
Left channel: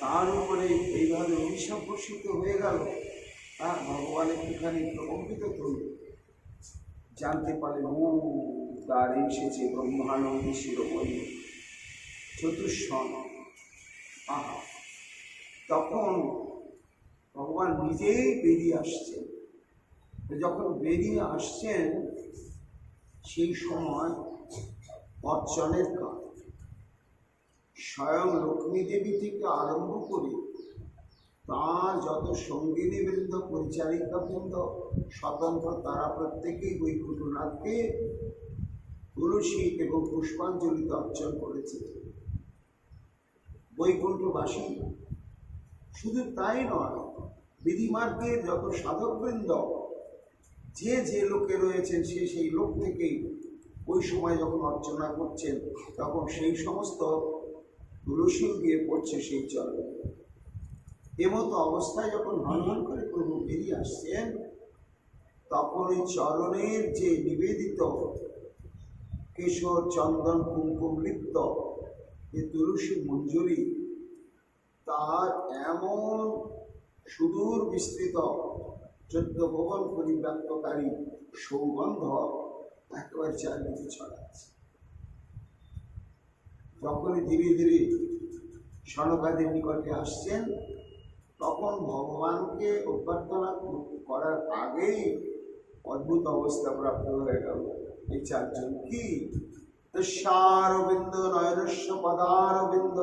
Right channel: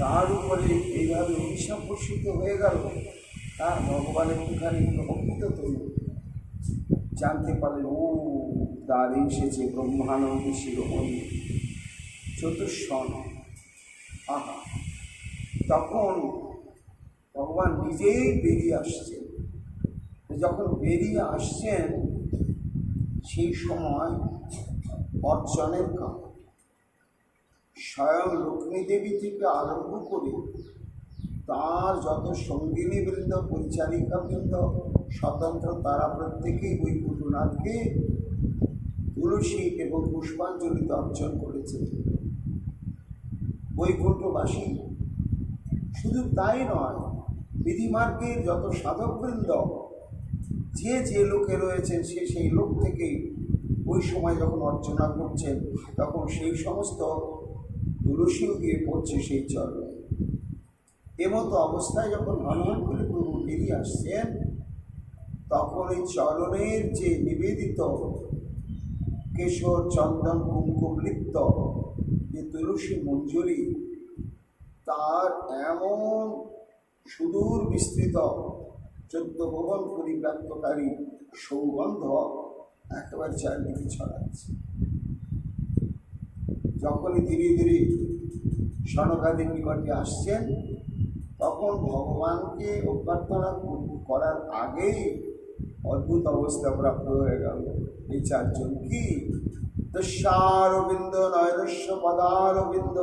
তার উপরে এইভাবে অভিশাপ বর্ষিত হয়ে গেল। তার ভগবান একটুখানি প্রকৃত তৈরি জানতে পারলেন, ও দ্বারে এসেছে ব্রহ্মানন্দী শিরোমণি চতুষ্ষণ। আহা, তখন ভগবান নিজেই বেরিয়ে আসছেন। যখন বেরিয়ে আসছেন সেই সময় অর্চনের কাজ, স্বয়ং লক্ষ্মী দেবী থেকে আরম্ভ করে তার যত সঙ্গিনী বৃন্দ, পরিচারিকা বৃন্দ, স্বতন্ত্র, তারা প্রত্যেকেই বৈকুণ্ঠনাথকে তুলসী এবং পুষ্পাঞ্জলিতে অর্চন করেছে। বৈকুণ্ঠবাসী শুধু তাই নয়, বিধিমার্গের যত সাধকবৃন্দ, যে যে লোকে রয়েছেন সে সেই লোক থেকে ওই সময় যখন অর্চনা করছেন, তখন সেই সমস্ত তুলসীও গিয়ে পড়ছে সেই চরণে। এমতো অবস্থায় যখন হনহন করে প্রভু বেরিয়ে আসছেন, তখন এই চরণের যে নিবেদিত কেশর চন্দন কুমকুম লিপ্ত যে তুলসী মঞ্জুরি, তার এমন সুদূর বিস্তৃত 14 ভুবন পরিব্যাপ্তকারী সৌগন্ধ একেবারে চারদিকে ছড়াচ্ছে। যখনই ধীরে ধীরে সনকাদির নিকটে আসছেন, তখন ভগবানকে অভ্যর্থনা করার আগেই অদ্ভুত অবস্থা প্রাপ্ত হয়ে গেল এই চারজন। কি দশারবিন্দ নৈরস্য পদারবিন্দ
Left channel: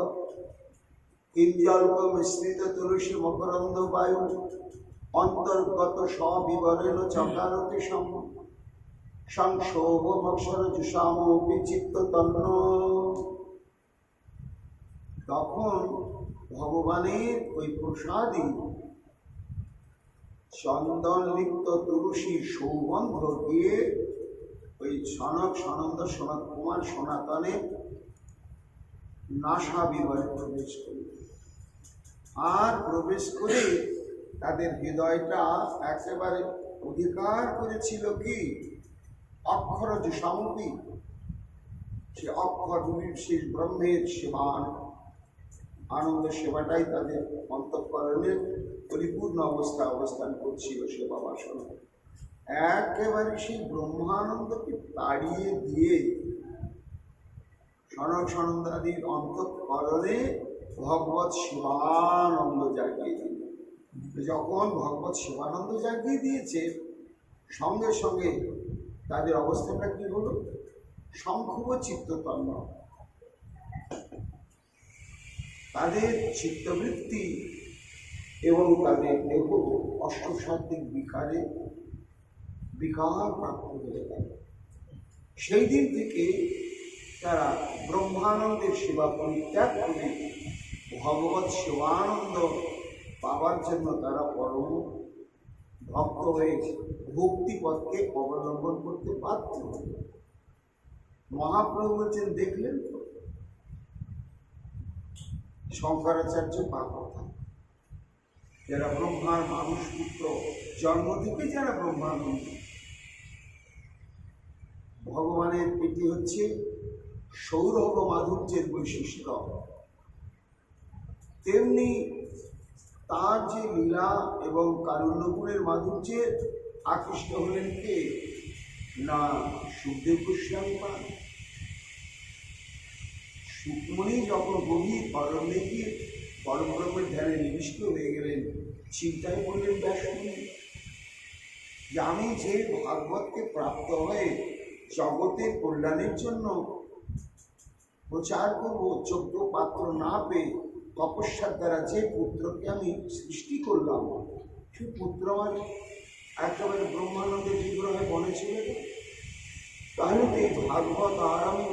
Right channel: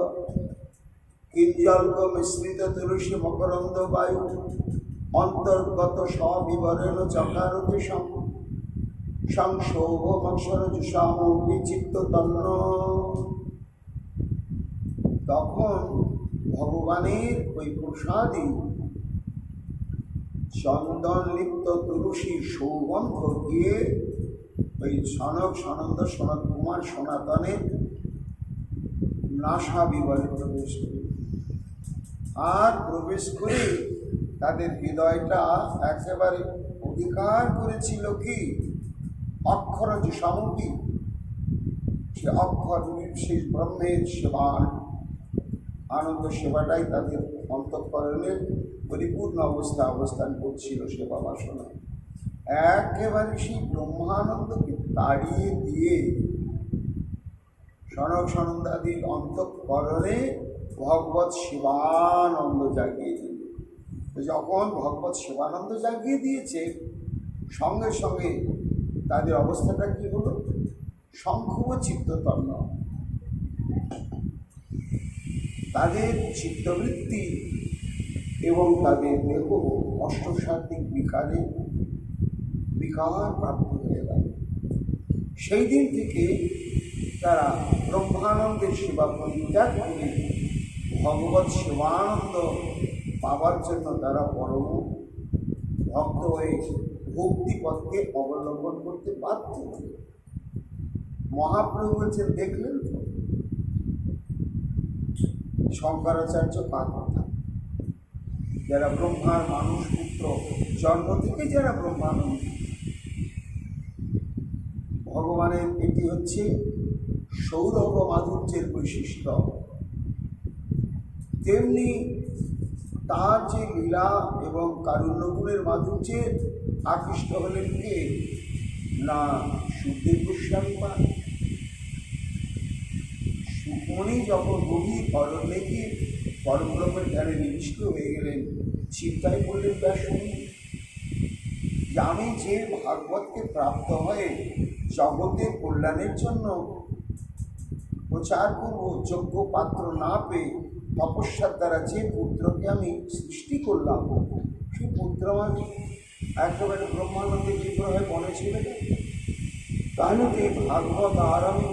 কিঞ্জল্প মিশ্রিত তুলসী মকরন্দ বায়ু অন্তর্গত সবিবরেণ চকারতি সংশোভমক্ষর জুষাম বিচিত্ত তন্ন। তখন ভগবানের ওই প্রসাদী চন্দন লিপ্ত তুলসী সৌগন্ধ দিয়ে ওই সনক সনন্দ সনত কুমার সনাতনে নাসা বিবরে প্রবেশ করি। আর প্রবেশ করে তাদের হৃদয়টা একেবারে অধিকার করেছিল কি অক্ষর যে সমপি, সে অক্ষর সেই ব্রহ্মের সেবার আনন্দ সেবাটাই তাদের অন্তঃকরণে পরিপূর্ণ অবস্থান করছিল। সেবা বাসনা একেবারে সেই ব্রহ্মানন্দকে তাড়িয়ে দিয়ে সনক সনন্দাদির অন্তঃকরণে ভগবৎ শিবানন্দ জাগিয়ে দিল। যখন ভগবৎ শিবানন্দ জাগিয়ে দিয়েছে, সঙ্গে সঙ্গে তাদের অবস্থাটা কি হলো? শঙ্খব চিত্ততন্ন। তাদের চিত্তবৃত্তি এবং তাদের দেহ অষ্টসাত্ত্বিক বিকার প্রাপ্ত হয়ে গেল। সেই দিন থেকে তারা ব্রহ্মানন্দের সেবা পরিত্যাগ করে ভগবৎ শিবানন্দ পাওয়ার জন্য তারা পরম ভক্ত হয়ে ভক্তিপথকে অবলম্বন করতে বাধ্য হল। মহাপ্রভু বলছেন, দেখলেন তো শঙ্করাচার্য কার কথা, যারা ব্রহ্মার মানুষ পুত্র, জন্ম থেকে যারা ব্রহ্মানন্দ, ভগবানের এটি হচ্ছে সৌরভ মাধুর্যের বৈশিষ্ট্য। তেমনি তার যে লীলা এবং কারুণ্যগুণের মাধুর্যে আকৃষ্ট হলেন কে না সুখদেব গোস্বামী মা। সুখমণি যখন গভীর অরণ্যে গিয়ে পরব্রহ্মের ধ্যানে নিবিষ্ট হয়ে গেলেন, চিন্তায় বললেন ব্যাসমুনি যে আমি যে ভাগবতকে প্রাপ্ত হয়ে জগতের কল্যাণের জন্য প্রচার করব, যোগ্য পাত্র না পেয়ে তপস্যার দ্বারা যে পুত্রকে আমি সৃষ্টি করলাম, সেই পুত্র আমার একেবারে ব্রহ্মানন্দের বিগ্রহে বনে ছিল। তাহলে এই ভাগবত আর আমি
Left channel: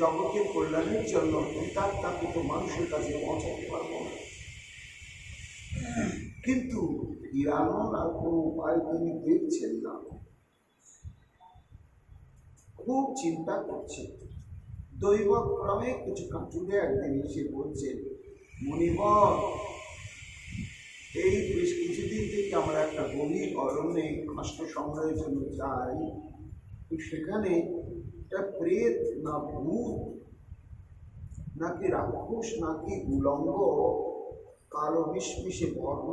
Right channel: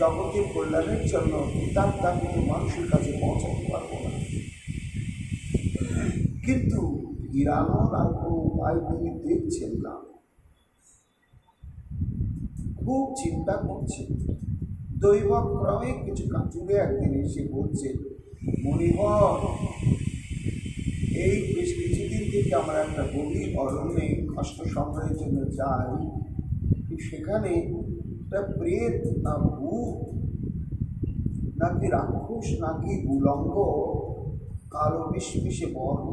জগতের কল্যাণের জন্য তার কিন্তু মানুষের কাছে পৌঁছাতে পারবো না। কিন্তু হিরানোর আর কোনো উপায় তিনি দেখছেন না, খুব চিন্তা করছেন। দৈবক্রমে কিছু কাটুরে একদিন এসে বলছে, মণিবর এই বেশ কিছুদিন থেকে আমরা একটা গভীর অরণ্যে কষ্ট সংগ্রহের জন্য যাই, সেখানে একটা প্রেত না ভূত নাকি রাক্ষস নাকি উলঙ্গ কালো মিশমিশে বর্ণ,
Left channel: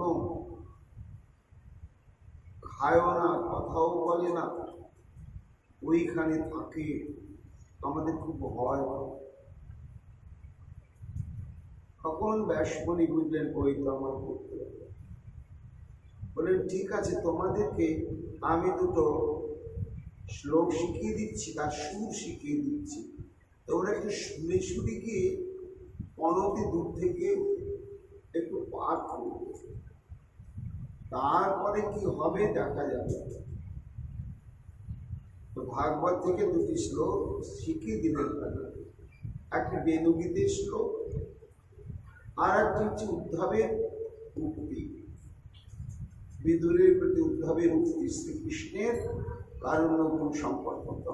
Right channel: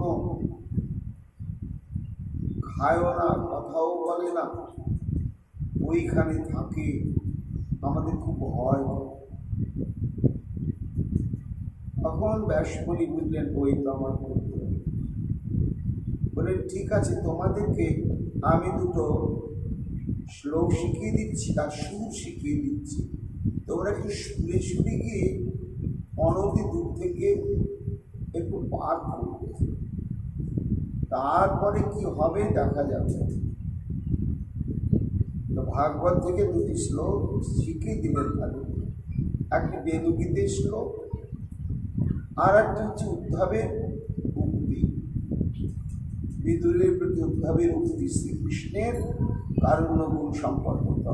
খায়ও না কথাও বলে না, ওইখানে থাকে, আমাদের খুব ভয়। তখন ব্যাসমণি বুঝলেন ওই তো আমার পুত্র। বললেন ঠিক আছে, তোমাদেরকে আমি দুটো শ্লোক শিখিয়ে দিচ্ছি, তার সুর শিখিয়ে দিচ্ছি, তোমরা একটু শুনে শুনে গিয়ে অনতি দূর থেকে একটু পাঠ করবে, তারপরে কি হবে দেখা যাবে। তো ভাগবত থেকে দুটি শ্লোক শিখিয়ে দিলেন ভালো, একটি বেদগীতের শ্লোক আর একটি হচ্ছে উদ্ধবের উক্তি, বিদুরের প্রতি উদ্ধবের উক্তি, শ্রীকৃষ্ণের কারুণ্যগুণ সম্পর্কিত।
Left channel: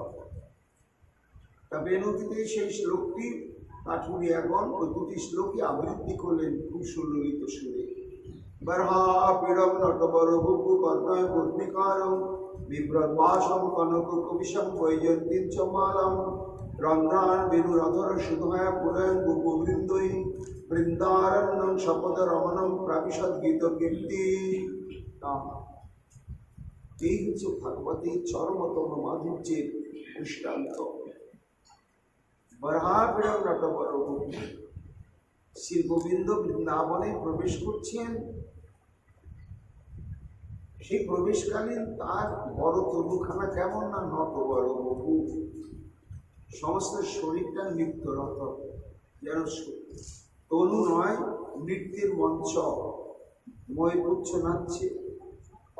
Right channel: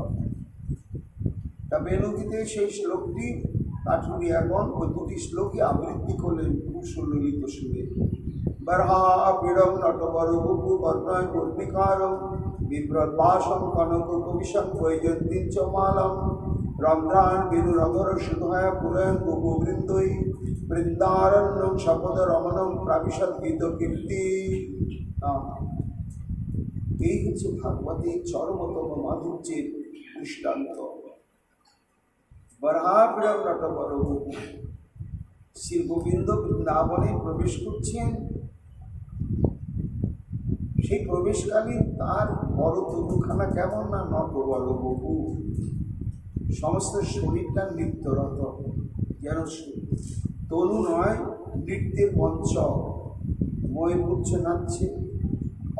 তা বেদগীতে সেই শ্লোকটি কাঠুরিয়াগণ ওই দুটি শ্লোকই আবৃত্তি করলেন খুব সুললিত সুরে। বরহাপীড়ম নটবরবপু কর্ণয় কর্ণিকারম বিব্রতবাসম কনক কবিশম বৈজন্তীচ মালম রন্ধ্রান বিনুরধর সুধায় পুরয়ন গোপবৃন্দৈ বৃন্দারণ্যং শপথ রমণম প্রাবিশদ গীত কীর্তি। এই হচ্ছে ভাগবতের চরমতম মাধুর্যের দৃষ্টান্ত। বরহাপীড়ম নটবরবপু, শ্রী গোবিন্দ বৃন্দাবনে প্রবেশ করছেন, সেই প্রবেশকালীন তার বড় তরুখানা কেমন না নটবর বপু, সমস্ত শরীরটা নৃত্যরত, যেন তনু নয় নৃত্যের মঞ্চ। ময়ূরপুচ্ছ নাচছে,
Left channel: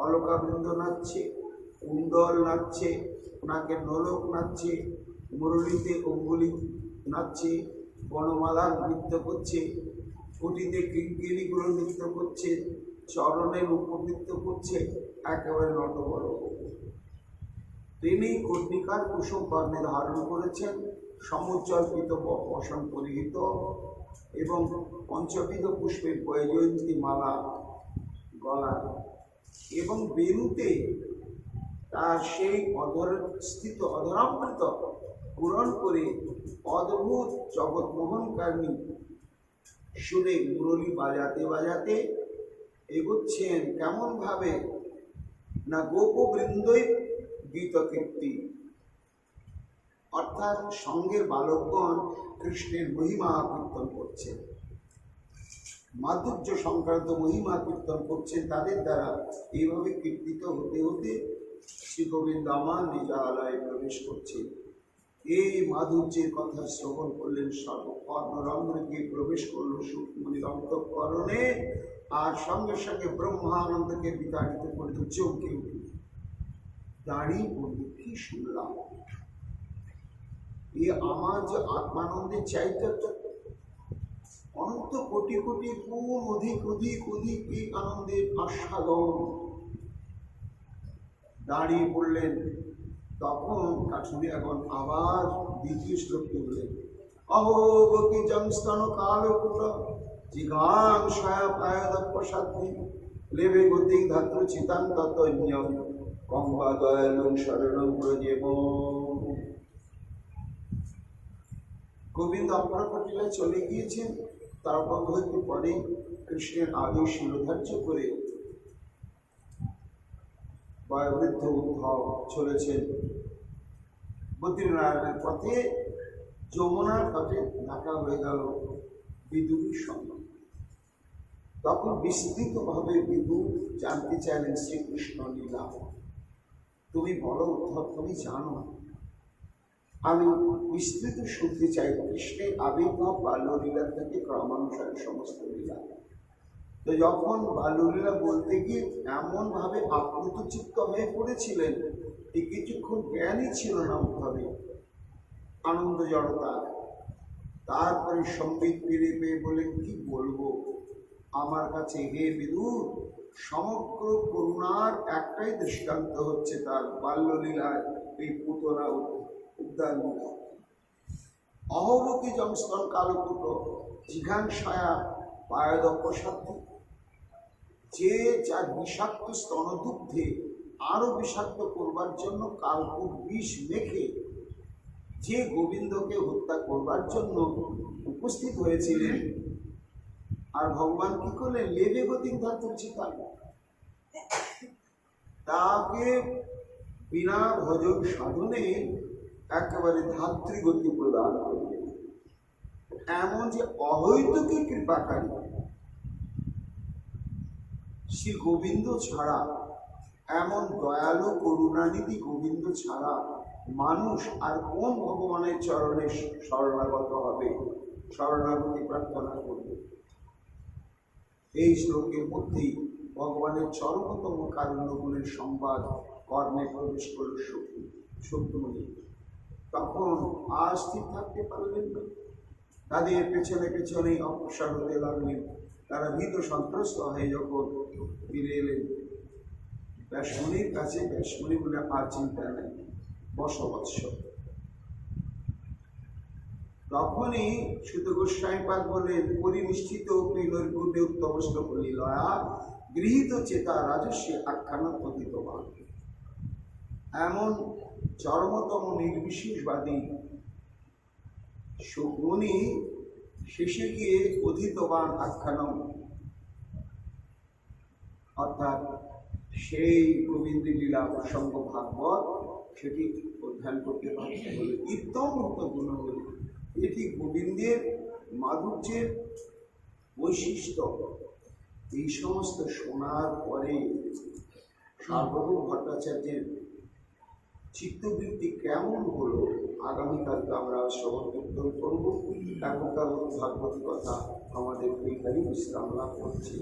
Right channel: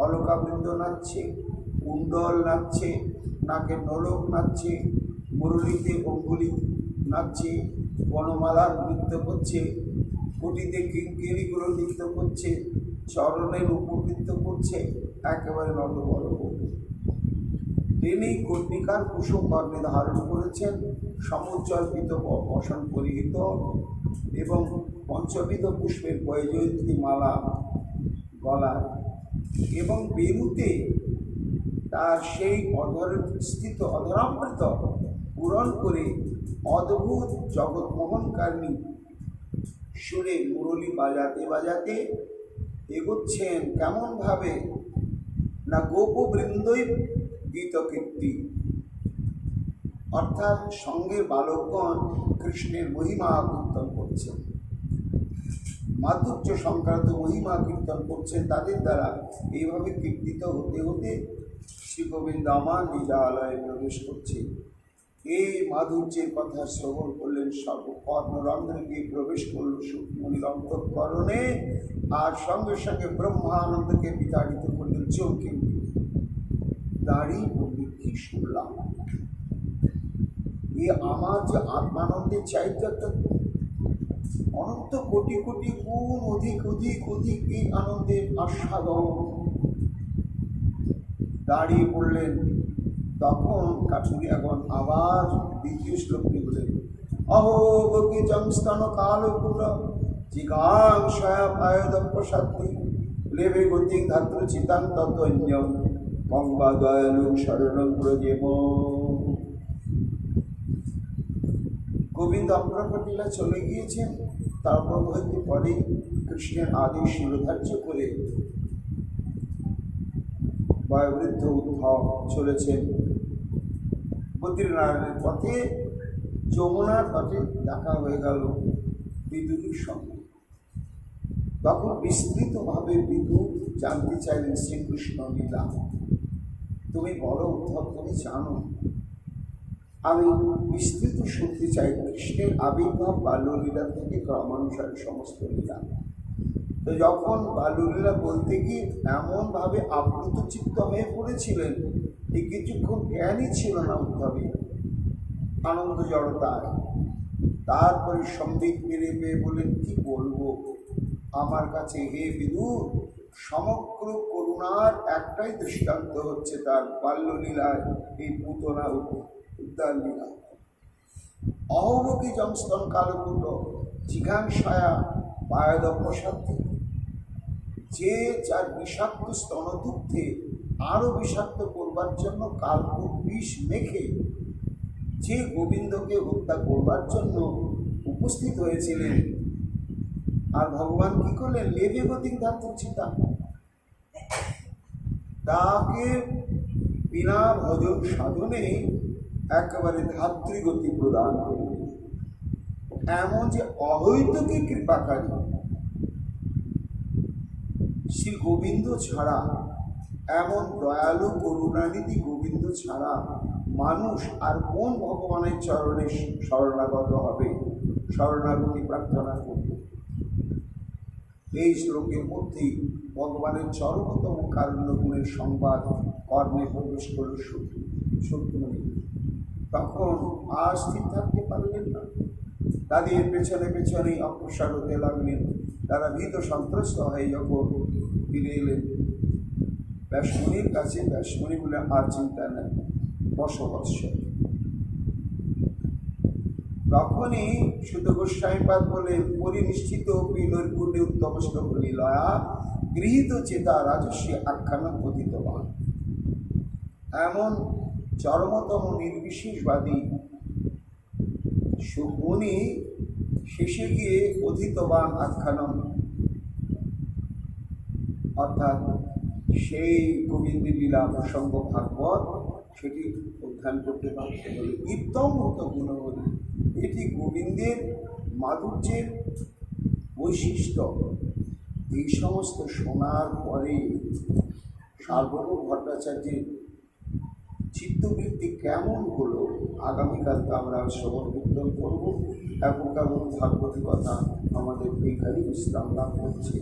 অলকাবৃন্দ নাচছে, কুণ্ডল নাচছে, নাকে নলক নাচছে, মুরলীতে অঙ্গুলি নাচছে, বনমালার নৃত্য করছে, কুটিতে কিঙ্কিণীগুলো নৃত্য করছে, চরণের উপর নৃত্য করছে, একেবারে নটবর বপু। তিনি কর্ণিকার কুসুম বর্ণে ধারণ করেছেন, সমুজ্জ্বল্পিত বসন পরিহিত এবং পঞ্চবিধ পুষ্পের বৈজয়ন্তী মালা গলায়, এবং বেরুতে তার সেই স্থিত অধরামৃত পূরণ করে অদ্ভুত জগৎমোহনকারিণী সুরে মুরলী বাজাতে বাজাতে এগোচ্ছেন। কেমন ভাবে না গোপবৃন্দই গীত কীর্তি, অর্থাৎ সঙ্গের বালকগণ কৃষ্ণের মহিমা কীর্তন করছেন, মাধুর্য সংক্রান্ত মহিমা কীর্তন করছেন তাদের দ্বারা। এইভাবে কীর্তিত হতে হতে শ্রী গোবিন্দ আমার লীলালয়ে প্রবেশ করছে। এই মাধুর্যের কথা শ্রবণ করলেন, সর্বকর্ণরন্ধ্রে গিয়ে প্রবেশ করল সুখমণির অন্তঃকরণে, আর সঙ্গে সঙ্গে ব্রহ্মানন্দকে বিতাড়িত করলেন। চমকে দাঁড়িয়ে বললি কি শুনলাম, এ আমার যে আত্মানন্দের চাইতে একটা অনন্ত কোটি কোটি গুণ অধিক অধিক অধিক এই আনন্দের আস্বাদন। দাঁড়িয়ে পড়লেন। তখন কাঠুরিয়াগণ আবার দ্বিতীয় শ্লোকটি বলেন, অহো গোপী জংস্তন কালপুর জিগাং সয়াপায়দপসাত্তি লেবে গতিক ধাত্র চিতাং ততন্যম কংবা দয়ালং শরণং ব্রজেম। গোবিন্দ অপরাপটিলা চলে গিয়েছেন, তারপর হইতে পরে কৃষ্ণের আদেশ শিরোধার্য করে বয়োবৃদ্ধ উদ্ধব চলেছেন বদ্রীনারায়ণের পথে। যমুনার তটে দেখা হয়ে গেল বিদুরের সঙ্গে। তখন বিস্তৃতভাবে বিদুর জানতে চাইলেন শ্রীকৃষ্ণ লীলা। তুমি বলো উদ্ধব, তুমি জানো, আমি বিস্তৃত শুনতে চাই কৃষ্ণের আবির্ভাব বাল্যলীলা থেকে ক্রমানুসারে সমস্ত লীলা। তো যখন বাল্যলীলা বলতে গিয়ে এমনভাবে আপ্লুত চিত্ত হয়ে পড়েছিলেন, এই কিছুক্ষণ জ্ঞানই ছিল না উদ্ধবে, আনন্দ জড়তায়। তারপরে সম্বিত ফিরে পেয়ে বলেন, কি বলবো আমার কাছে হে বিদুর, সমগ্র করুণার একটাই দৃষ্টান্ত হচ্ছে তার বাল্যলীলায় এই পুতনা উদ্যান লীলা। অহবকি জংস্তন কালকুট জিঘাংসায়া বায়দ প্রসাদী, যে যার বিষাক্ত স্তনদুগ্ধে আরো বিষাক্ত করবার জন্য কালকুট বিষ মেখে যে গোবিন্দকে হত্যা করবার জন্য উপস্থিত হয়েছিলেন, আর ভগবান কি করলেন, লেবে গতিক ধাতুর চিতা, তাকে বিনা ভজন সাধনে একেবারে ধাত্রীগতি প্রদান করলেন। এমন যে অহৈতুকী কৃপাকারী শ্রী গোবিন্দ ছাড়া, এমন দয়ালু করুণানিধি গোবিন্দ ছাড়া মানুষ আর কোন ভগবানের চরণে শরণাগত হবে, শরণাগতি প্রার্থনা করবে। এই শ্লোকের মধ্যেই ভগবানের চরমতম কারণ্য গুণের সংবাদ কর্মে প্রবেশ করল শত্রুমণি। তখন আর স্থির থাকতে পারলেন না, তাদের পেছনে পেছনেই অগ্রসর হতে লাগলেন। তারা ভীত সন্ত্রস্ত হয়ে যখন ফিরে এলেন ব্যাসমণির কাছে, ব্যাসমণি বলে আর চিন্তা নেই, বশবৎস। তখনই সুত গোস্বামীপাদ বলে, পরিনিষ্ঠিত নৈর্গুণ্যে উত্তমষ্ট বলি লয়া গৃহীত চেতা রাজস্বী আখ্যান পতিতবান। এমন চরমতম নির্বিশেষবাদী সুগুণী শেষে গিয়ে অধীতবান আখ্যানম, অর্থাৎ সেই গোবিন্দের লীলা প্রসঙ্গ ভাগবত সেটি অধ্যয়ন করতে পারতে হলে ইত্যমৃত গুণবলী। এটি গোবিন্দের মাধুর্যের বৈশিষ্ট্য। এই সমস্ত শোনার পরে সার্বভৌম ভট্টাচার্যের চিত্তবৃত্তি কেমন হলো, আগামীকালকে আমরা শ্রবণ কীর্তন করব। এখনকার ভাগবতী কথা আমাদের এইখানেই বিশ্রাম লাভ করছে।